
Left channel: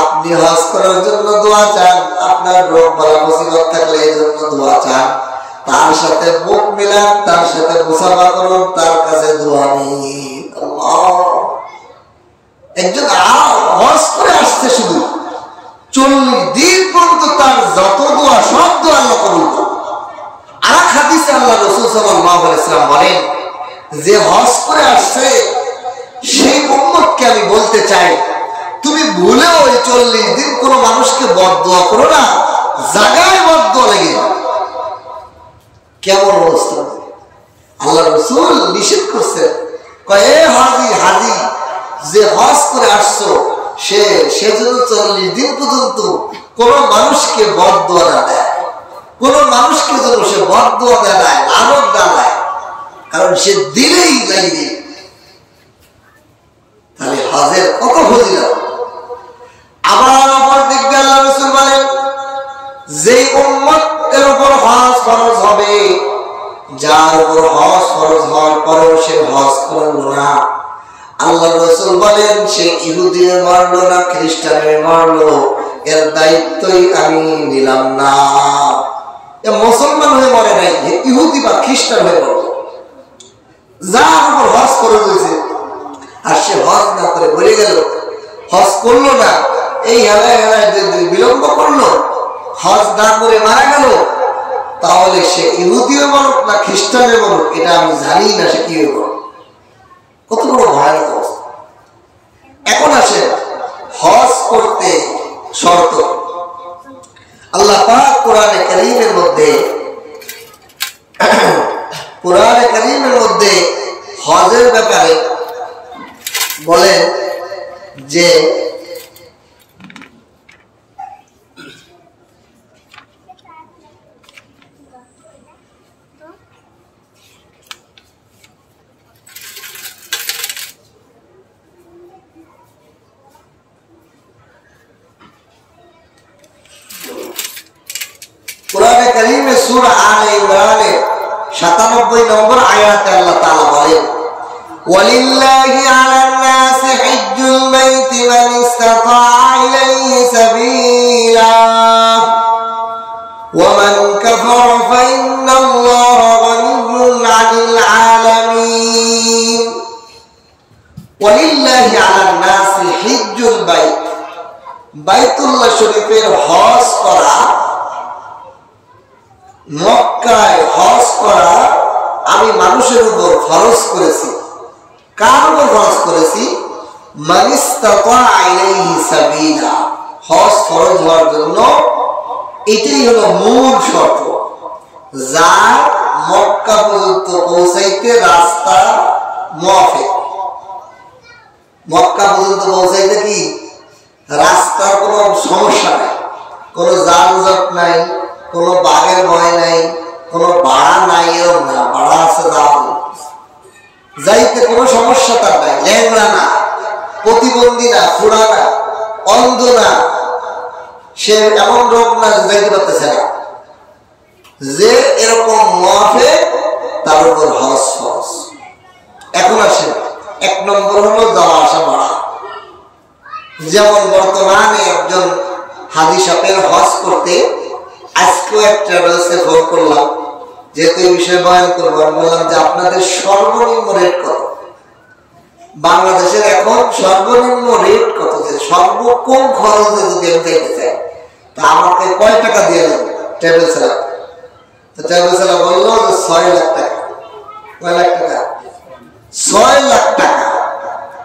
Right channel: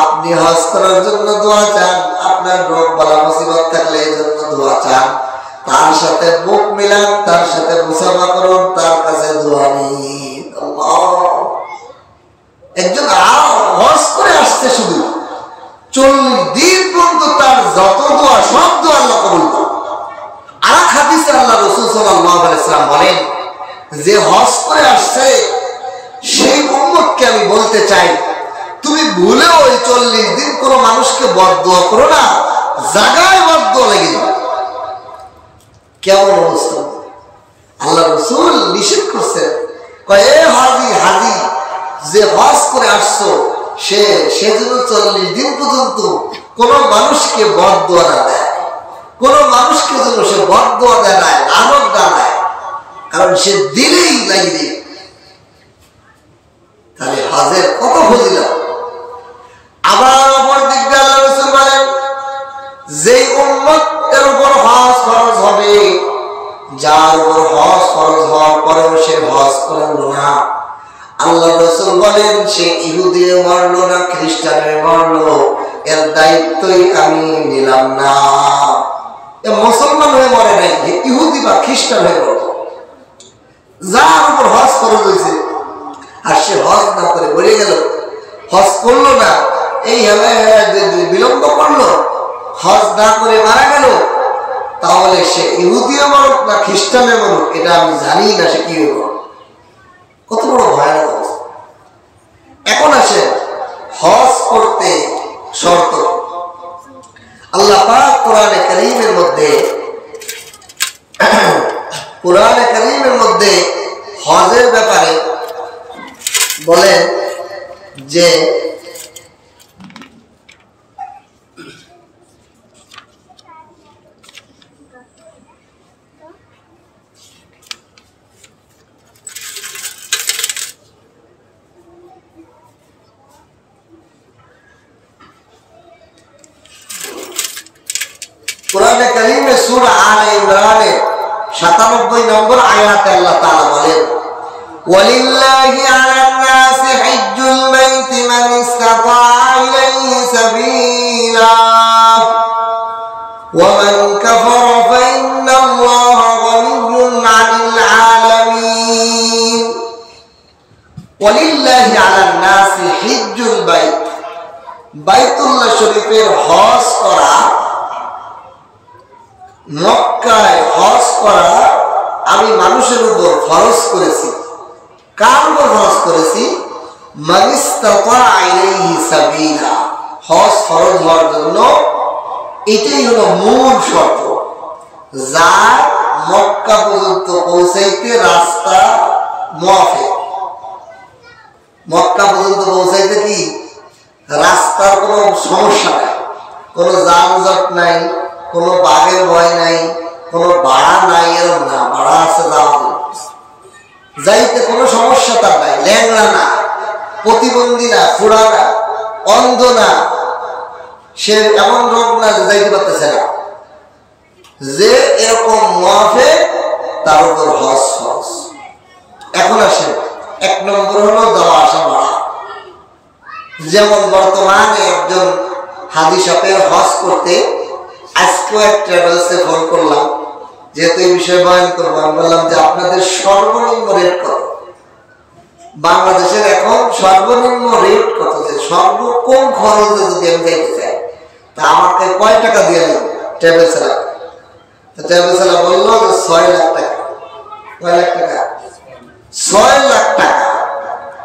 আপনি হজ করার জন্য দোয়া চান, আপনার রোগ বালা মুসিবত থাকলে এই জন্য দোয়া চান, তার সাথে মুখ মিলান, তার সাথে মুসাফা করুন, তার কাছে দোয়া নিন। একজন হজ করে আসছে শুধু 40 দিন পর্যন্ত তার যত দোয়া সব দোয়া আল্লাহ কবুল করেন। আর এক হাদিসে আল্লাহ রাসূল সাল্লাল্লাহু আলাইহি ওয়াসাল্লাম বলেন, যে হজ করে আসছে সেই উম্মতকে আমি বলতে চাই, তুমি ভুলেও ওই 40 দিন কোন মানুষকে বদদোয়া করো না, জায়গায় বদদোয়া লেগে যাবে। কেমন অবস্থা! আল্লাহ রাসূল নিষেধ করছেন, কয় এ হাজি যে হজ করে আসছো সেজন্য 40 দিন পর্যন্ত কোন মানুষকে বদদোয়া না দেয়, কোন মানুষকে যেন সে বদদোয়া দেয় না, লানত দেয়, কারণ সে দিলেই লাগিয়ে। তাহলে হজের কত ফজিলত। আবার অপর দিক দিয়ে আল্লাহ রাসূল বলেন, যেই উম্মতের উপর হজ ফরজ হবে, যার উপর হজ ফরজ হওয়ার পরেও সে হজ করল না, আল্লাহ রাসূল বলেন সে ইহুদি মরলো না খ্রিস্টানে মরলো, এর দায়িত্বই আমি নিলাম না। এ মুসলমান হয়ে মরে নাই, ইহুদি বা খ্রিস্টান হয়ে মরলো। যার উপর হজ ফরজ হয়েছে আর সে হজ না করে মরে গেল, হজ করলো না, এই হেলায় হেলায় বিলম্ব করলো, হজ না করে মারা গেল, তাহলে সে ইহুদিও মরুক না খ্রিস্টানে মরুক, এটা আমি জানি না সে কি হইব। কত বড় ভয়ানক অবস্থা। এখন আসেন হজ করতে শর্ত। আল্লাহ পাক কোরআনে কারীমের মধ্যে হজের ব্যাপারে বলেন যে কোরআনে কারীমে সূরা আলে ইমরানের 97 নম্বর আয়াতে আল্লাহ তাআলা বলেন, ওয়ালিল্লাহি আলান নাসি হিজ্জুল বাইতি মান ইসতাতা ইলাইহি সাবিলা ওয়া মান কাফারা ফাইন্নাল্লাহা গানিয়্যুন আনিল আলামিন। ওয়ালিল্লাহি আলান নাসি হিজ্জুল বাইত, বাইতুল্লাহ শরীফের হজ করা, মক্কায় হজ করা আমি মানুষের উপর ফরজ করেছি। কার উপর ফরজ করেছি? মান ইসতাতা ইলাইহি সাবিলা। হজ ফরজ হওয়ার জন্য এটাই হলো মূল শর্ত, যার মক্কা পর্যন্ত পৌঁছাইতে রাস্তা মুআফিক। মক্কা পর্যন্ত পৌঁছাইতে কি রাস্তার কোনো সমস্যা নাই, কোনো যানজট নাই, কোনো বাঘের ভয় নাই, কোনো ভাড়া নাই, এরকম না, ভাড়া আছে যাইতে কোনো সমস্যা তার নাই, ল্যাংড়া না, প্রতিবন্ধী না, খুড়া না, অন্ধ না, সে এমন রোগ না যে যাইতে পারতেছে না, যে এরকম মুআফিক তার উপর হজ ফরজ। এখন আসেন 1 নম্বর হলো যাওয়া আসা ভাড়া। যেমন বর্তমানে একজন হাজি সাহেবের হজ করতে আজকেও এক ট্রাভেলসে ফোন করলাম, যেহেতু এই বিষয়ে বয়ান করবো, আমি বললাম যে আপনাদের সর্বনিম্ন রেট কত? বাংলাদেশের এখন সর্বনিম্ন রেট কত, যে সর্বকম খরচে যদি আমি যাইতে চাই তা আমাকে কয় টাকা দিয়ে দেবো ট্রাভেল চালা? তো ট্রাভেল চালা বললো যে 6 লাখ টাকা। কয় লাখ টাকা? 6 লাখ টাকা।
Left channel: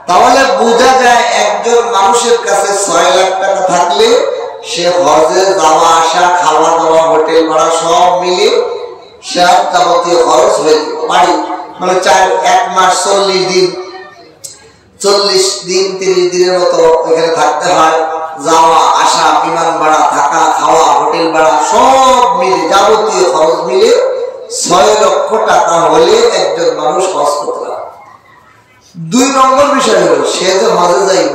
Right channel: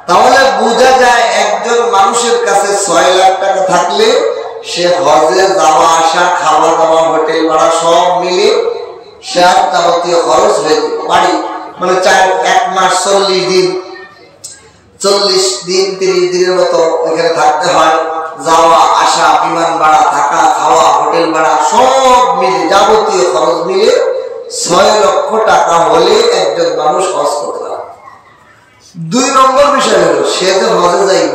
তাহলে বোঝা যায় একজন মানুষের কাছে 6 লাখ টাকা থাকলে সে হজে যাওয়া আসা, খাওয়া দাওয়া, হোটেল ভাড়া সব মিলে সব যাবতীয় খরচ হয়ে বাড়ি, মানে 1 মাস 40 দিন 40 দিন 30 দিনের মতো ওইখানে থাকতে হয়, যাওয়া আসা, বিমান ভাড়া, থাকা খাওয়া, হোটেল ভাড়া সব মিলে যাবতীয় খরচ মিলে 6 লক্ষ টাকা হলে একজন মানুষ হজ করতে পারে। 2 নম্বর বিষয় হলো সে যে হজে যাইব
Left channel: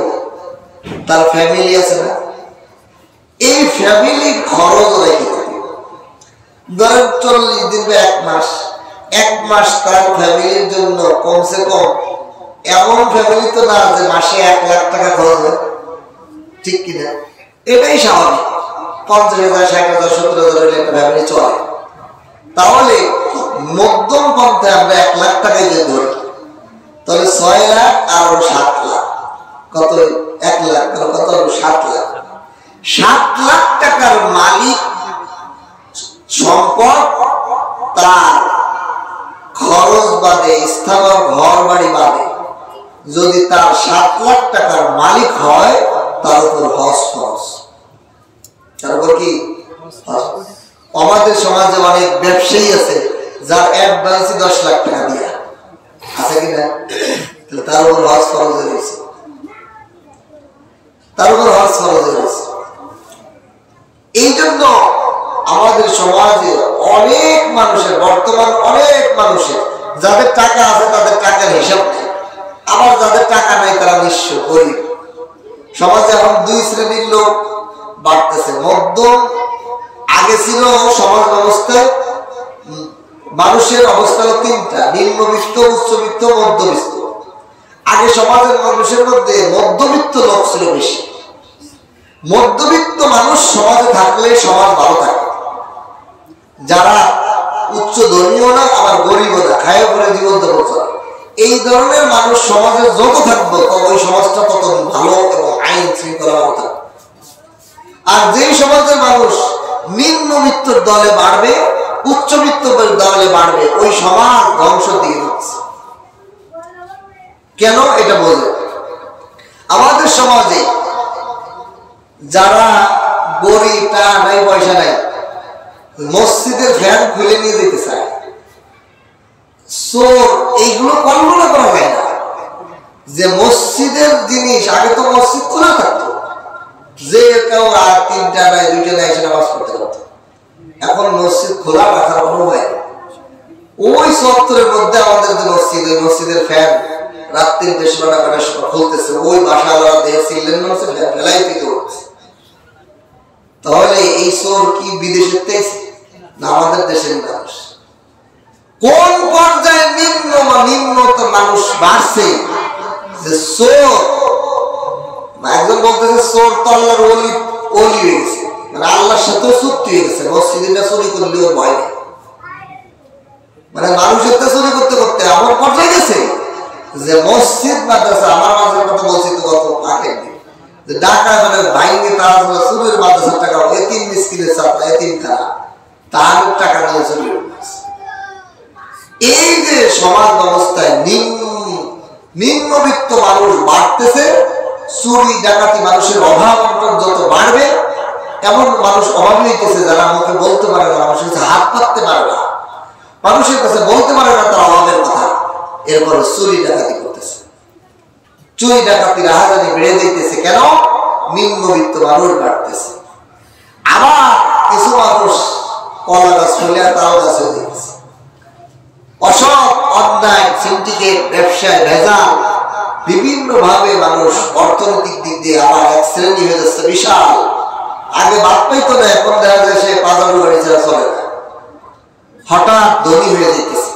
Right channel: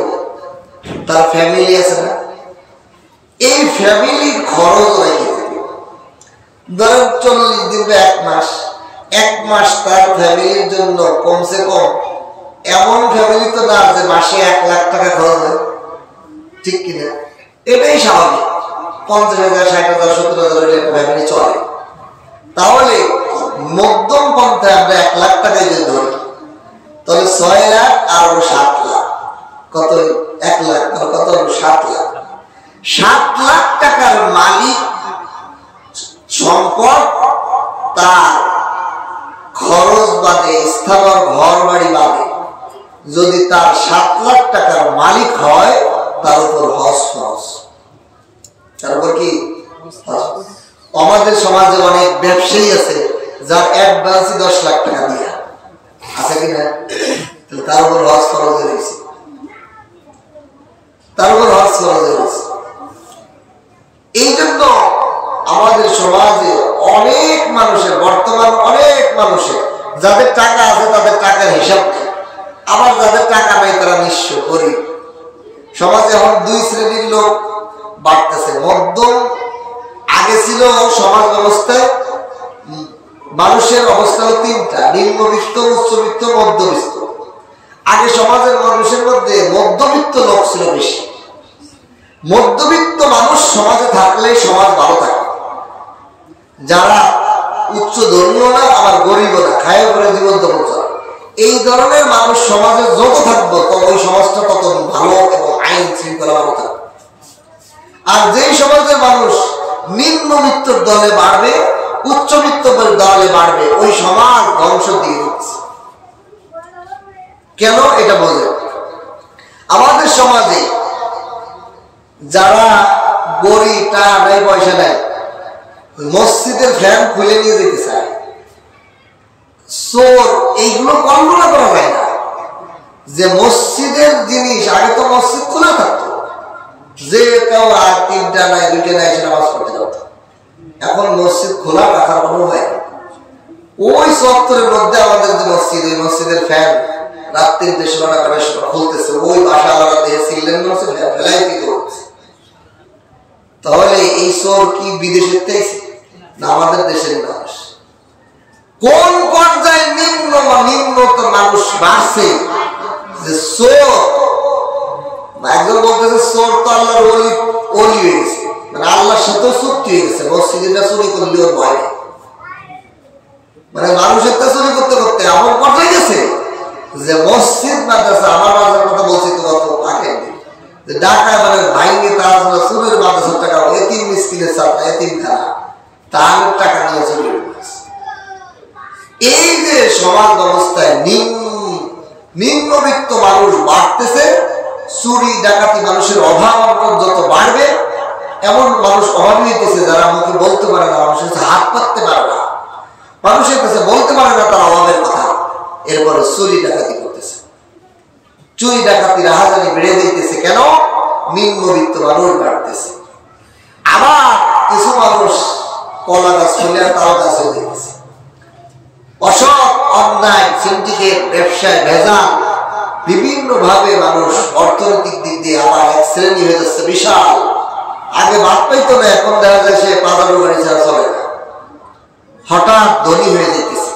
তার ফ্যামিলি আছে না, এই ফ্যামিলির খরচ রেখে দেবে। ধরেন 40 দিন বা 1 মাস তার ফ্যামিলির জন্য কমসে কম, এমন ফ্যামিলি তো না যে মাসে 1 লাখ টাকা খরচ হয়, ঠিক কিনা? এটাই স্বাভাবিক। 50,000 60,000 70,000 হলে একটা ফ্যামিলি চলে। তাহলে মধ্যম পন্থায় আমরা 1 লাখ টাকায় যদি ধরি, তাহলে 6 লাখ আর 7 লাখ, কত? 1 লাখ কত? 7 লাখ। 7 লাখ টাকার মালিক সম্পদ তার খরচ বাদে, স্থাবর ঘর বাড়ি বাদে, যদি তার 7 লাখ টাকার মালিক হয়, তার উপর হজ ফরজ। তার উপর কি? আমাদের সমাজে অনেক ব্যবসায়ী আছে যার অ্যাডভান্স 10 লাখ টাকা দিয়া আছে কিনা, তার উপর হজ ফরজ হয়েছে, তার উপর হজ ফরজ হয়েছে। এই জন্য আমাদের সমাজে অনেক মানুষের, বর্তমান অনেক মানুষের যাদের টাকা আছে তাদের টাকার হিসাব নেই, আবার যাদের টাকা নেই তারা নিঃস্ব গরিব। সমাজে এখন 2 শ্রেণীর লোক বাড়তেছে। মধ্যম, আগে ছিল সমাজ ব্যবস্থায় মানুষের অবস্থা হলো 3টা: নিম্নবিত্ত, উচ্চবিত্ত, মধ্যবিত্ত। আগে সমাজের মানুষের মধ্যে মধ্যবিত্ত লোক ছিল বেশি। মধ্যবিত্ত মানুষ সমাজে থাকলে সমাজ ভালো থাকে। যারা উচ্চ ধর্মীয় না আবার গরিবও না, খায় করে জীবন যাপন চলে, এই ধরনের মানুষ সমাজে যত থাকবো ওই সমাজটা তত ভালো এবং আইন শৃঙ্খলা ভালো থাকবে। আর যেই সমাজের মানুষ নিম্নবিত্তর দলে বাড়বে, উচ্চবিত্তের দলে বাড়বে, ওই সমাজ ধ্বংস দিয়ে দিচ্ছে। কেন? এটা বলে আমাদের সমাজে যারা গরিব, টাকা নাই, পয়সা নাই, মসজিদের ফ্যান খুলে নিয়ে যেতে চায়, চোর, এইগুলো কল্পনা করা যায় না যে মসজিদের জিনিস, আগে তো মসজিদ খোলা থাকতো, যে কেউ আর 3টা নাই 2টা নাই এসে নামাজ পড়তে পারতো। এখন মসজিদ খোলা রাখার কোনো উপায় নেই। ওই চত্বরের মধ্যে আমাদের যে মসজিদ, ওই মসজিদের ফ্যান রাত 3টে সোনা কাটার সময় খুলতেছে, ওই বাসা আলাদা দেহে সিলেন ফেলাই দিতে হচ্ছে। তাহলে এই চোর কি বিদেশের থেকে না আমাদের দেশের মানুষ? কোন পর্যায়ে নিম্নত মানুষ বাড়ছে যে চোর, একজন বলতেছে চোর তো আল্লাহর ওলি হয়ে গেছে, মানে আল্লাহর সাথেও চুক্তি হয়ে গেছে, মসজিদে চুরি করলেও ভয় নেই। মানে মানুষের তো চুরি করতে করতে এমন পর্যায়ে গেছে যে মসজিদ মাদ্রাসা, আমার মাদ্রাসার কথা বলছি তো গত আগের দিন, যে ঢাকা মানে ভাইঙ্গে তারা চুরির মাদ্রাসার টাকা, এতিম মিসকিনের ছাত্র, এতিমখানা, তার টাকা নিয়ে চুরি করেছে। এই যে সমাজ ব্যবস্থায় নিম্নবিত্ত মানুষ বাড়তেছে, চুরি ডাকাতি, মানুষের অভাব অন্তর যত বাড়বে, এমন মানুষ অভাবী হইতেছে যারা মুখে বলতে পারে না, মানুষের কাছে হাত পাততে পারে না, মানুষের কাছে বলতে পারে না তার অভাবের কথা। এরপরে চুরি ডাকাতি করতেছে, চুরি ডাকাতি রাহাজানি বেড়ে যাইতেছে। কেন? নিম্নবিত্ত মানুষ বাড়তেছে। আবার কিছু মানুষ কলা গাছ ফেলে তাল গাছ হয়ে যাইতেছে। অসৎ, অন্যায়, সিন্ডিকেট, ব্যবসায় ভেজাল, বিভিন্ন ভাবে মানুষ অর্থনৈতিক দিক দিয়ে আবার এক শ্রেণী হয়ে যাচ্ছে বিশাল। আগে বাদ পাইতো না, এখন দেখা যায় সে পাজারু গাড়ি ছাড়া চলে না, হঠাৎ ধনী হয়ে যেতেছে।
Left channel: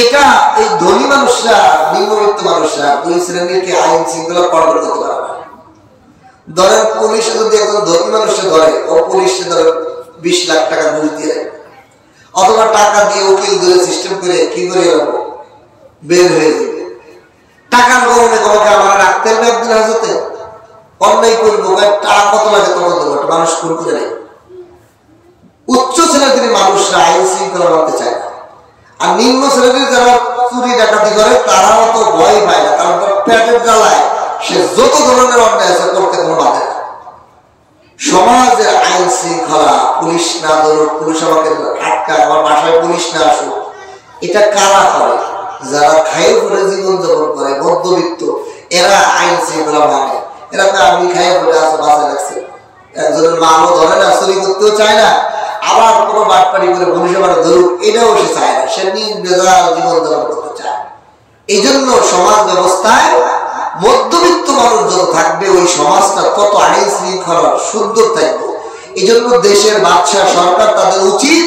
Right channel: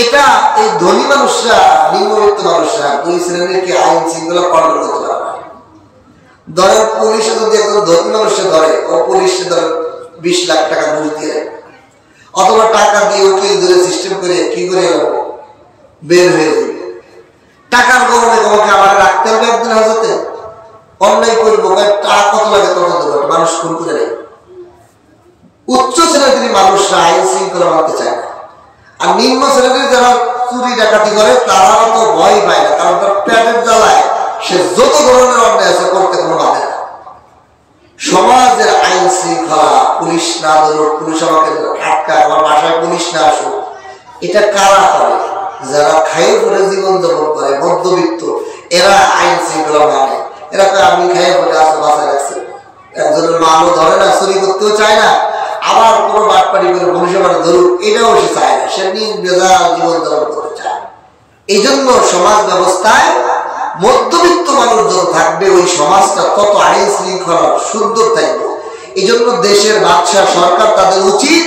এটা এই ধনী মানুষরা, নিম্নবিত্ত মানুষরা 2 শ্রেণীকে আইন শৃঙ্খলা কন্ট্রোল করতে পারে না। ধরেন পুলিশে যদি একজন ধনী মানুষকে ধরে, ও পুলিশে ধরে 20 লাখ টাকা ঘুষ দিয়ে দেয়, অথবা টাকা দিয়ে উকিল ধরে সিস্টেম করে কি করে বের হয়ে যাবে। টাকার গরমে তোমাকে আমার রাখতে হবে একদিন হাজতে, অন্যায় করবো, টাকা কত লাগে তত দেবো, মানুষ খুন করে নেয়। উচ্চ শ্রেণীর মানুষরা আইন শৃঙ্খলা মানতে চায় না, আর নিম্ন শ্রেণীর যারা চুরি ডাকাতি করে তারাও তো ভয় পায় না, কারণ তার পেটের জ্বালায় সে যত ধরনের অন্যায় আছে করতে কোনো বাধে না। সমাজের আইন শৃঙ্খলা, পুলিশ না ধরুক, পুলিশ আমাকে আটকা, আমার বাসায় পুলিশ না আসুক, এটা কারা করে? যারা খাইয়ে পরে জীবন যাপন করে, মধ্যবিত্ত। এরা আইন শৃঙ্খলা মানে, এরা আমি খাই বলে আছে বাসা রাখছে, একজনের মানও ধরে না, চুরি করতেও চায় না, আবার কোনো বাটপাড়ি করে ভবিষ্যৎ ধরুক এটাও সে চায় না, সে নিজ বেজাল জীবনযাপন করতে চায়। এই জন্য সমাজ ব্যবস্থায় মধ্যবিত্ত মানুষ যত থাকবে ওই সমাজটা তত আইন শৃঙ্খলা সুন্দর থাকবে। এই জন্য দেশের বাদশা সরকার তাদের উচিত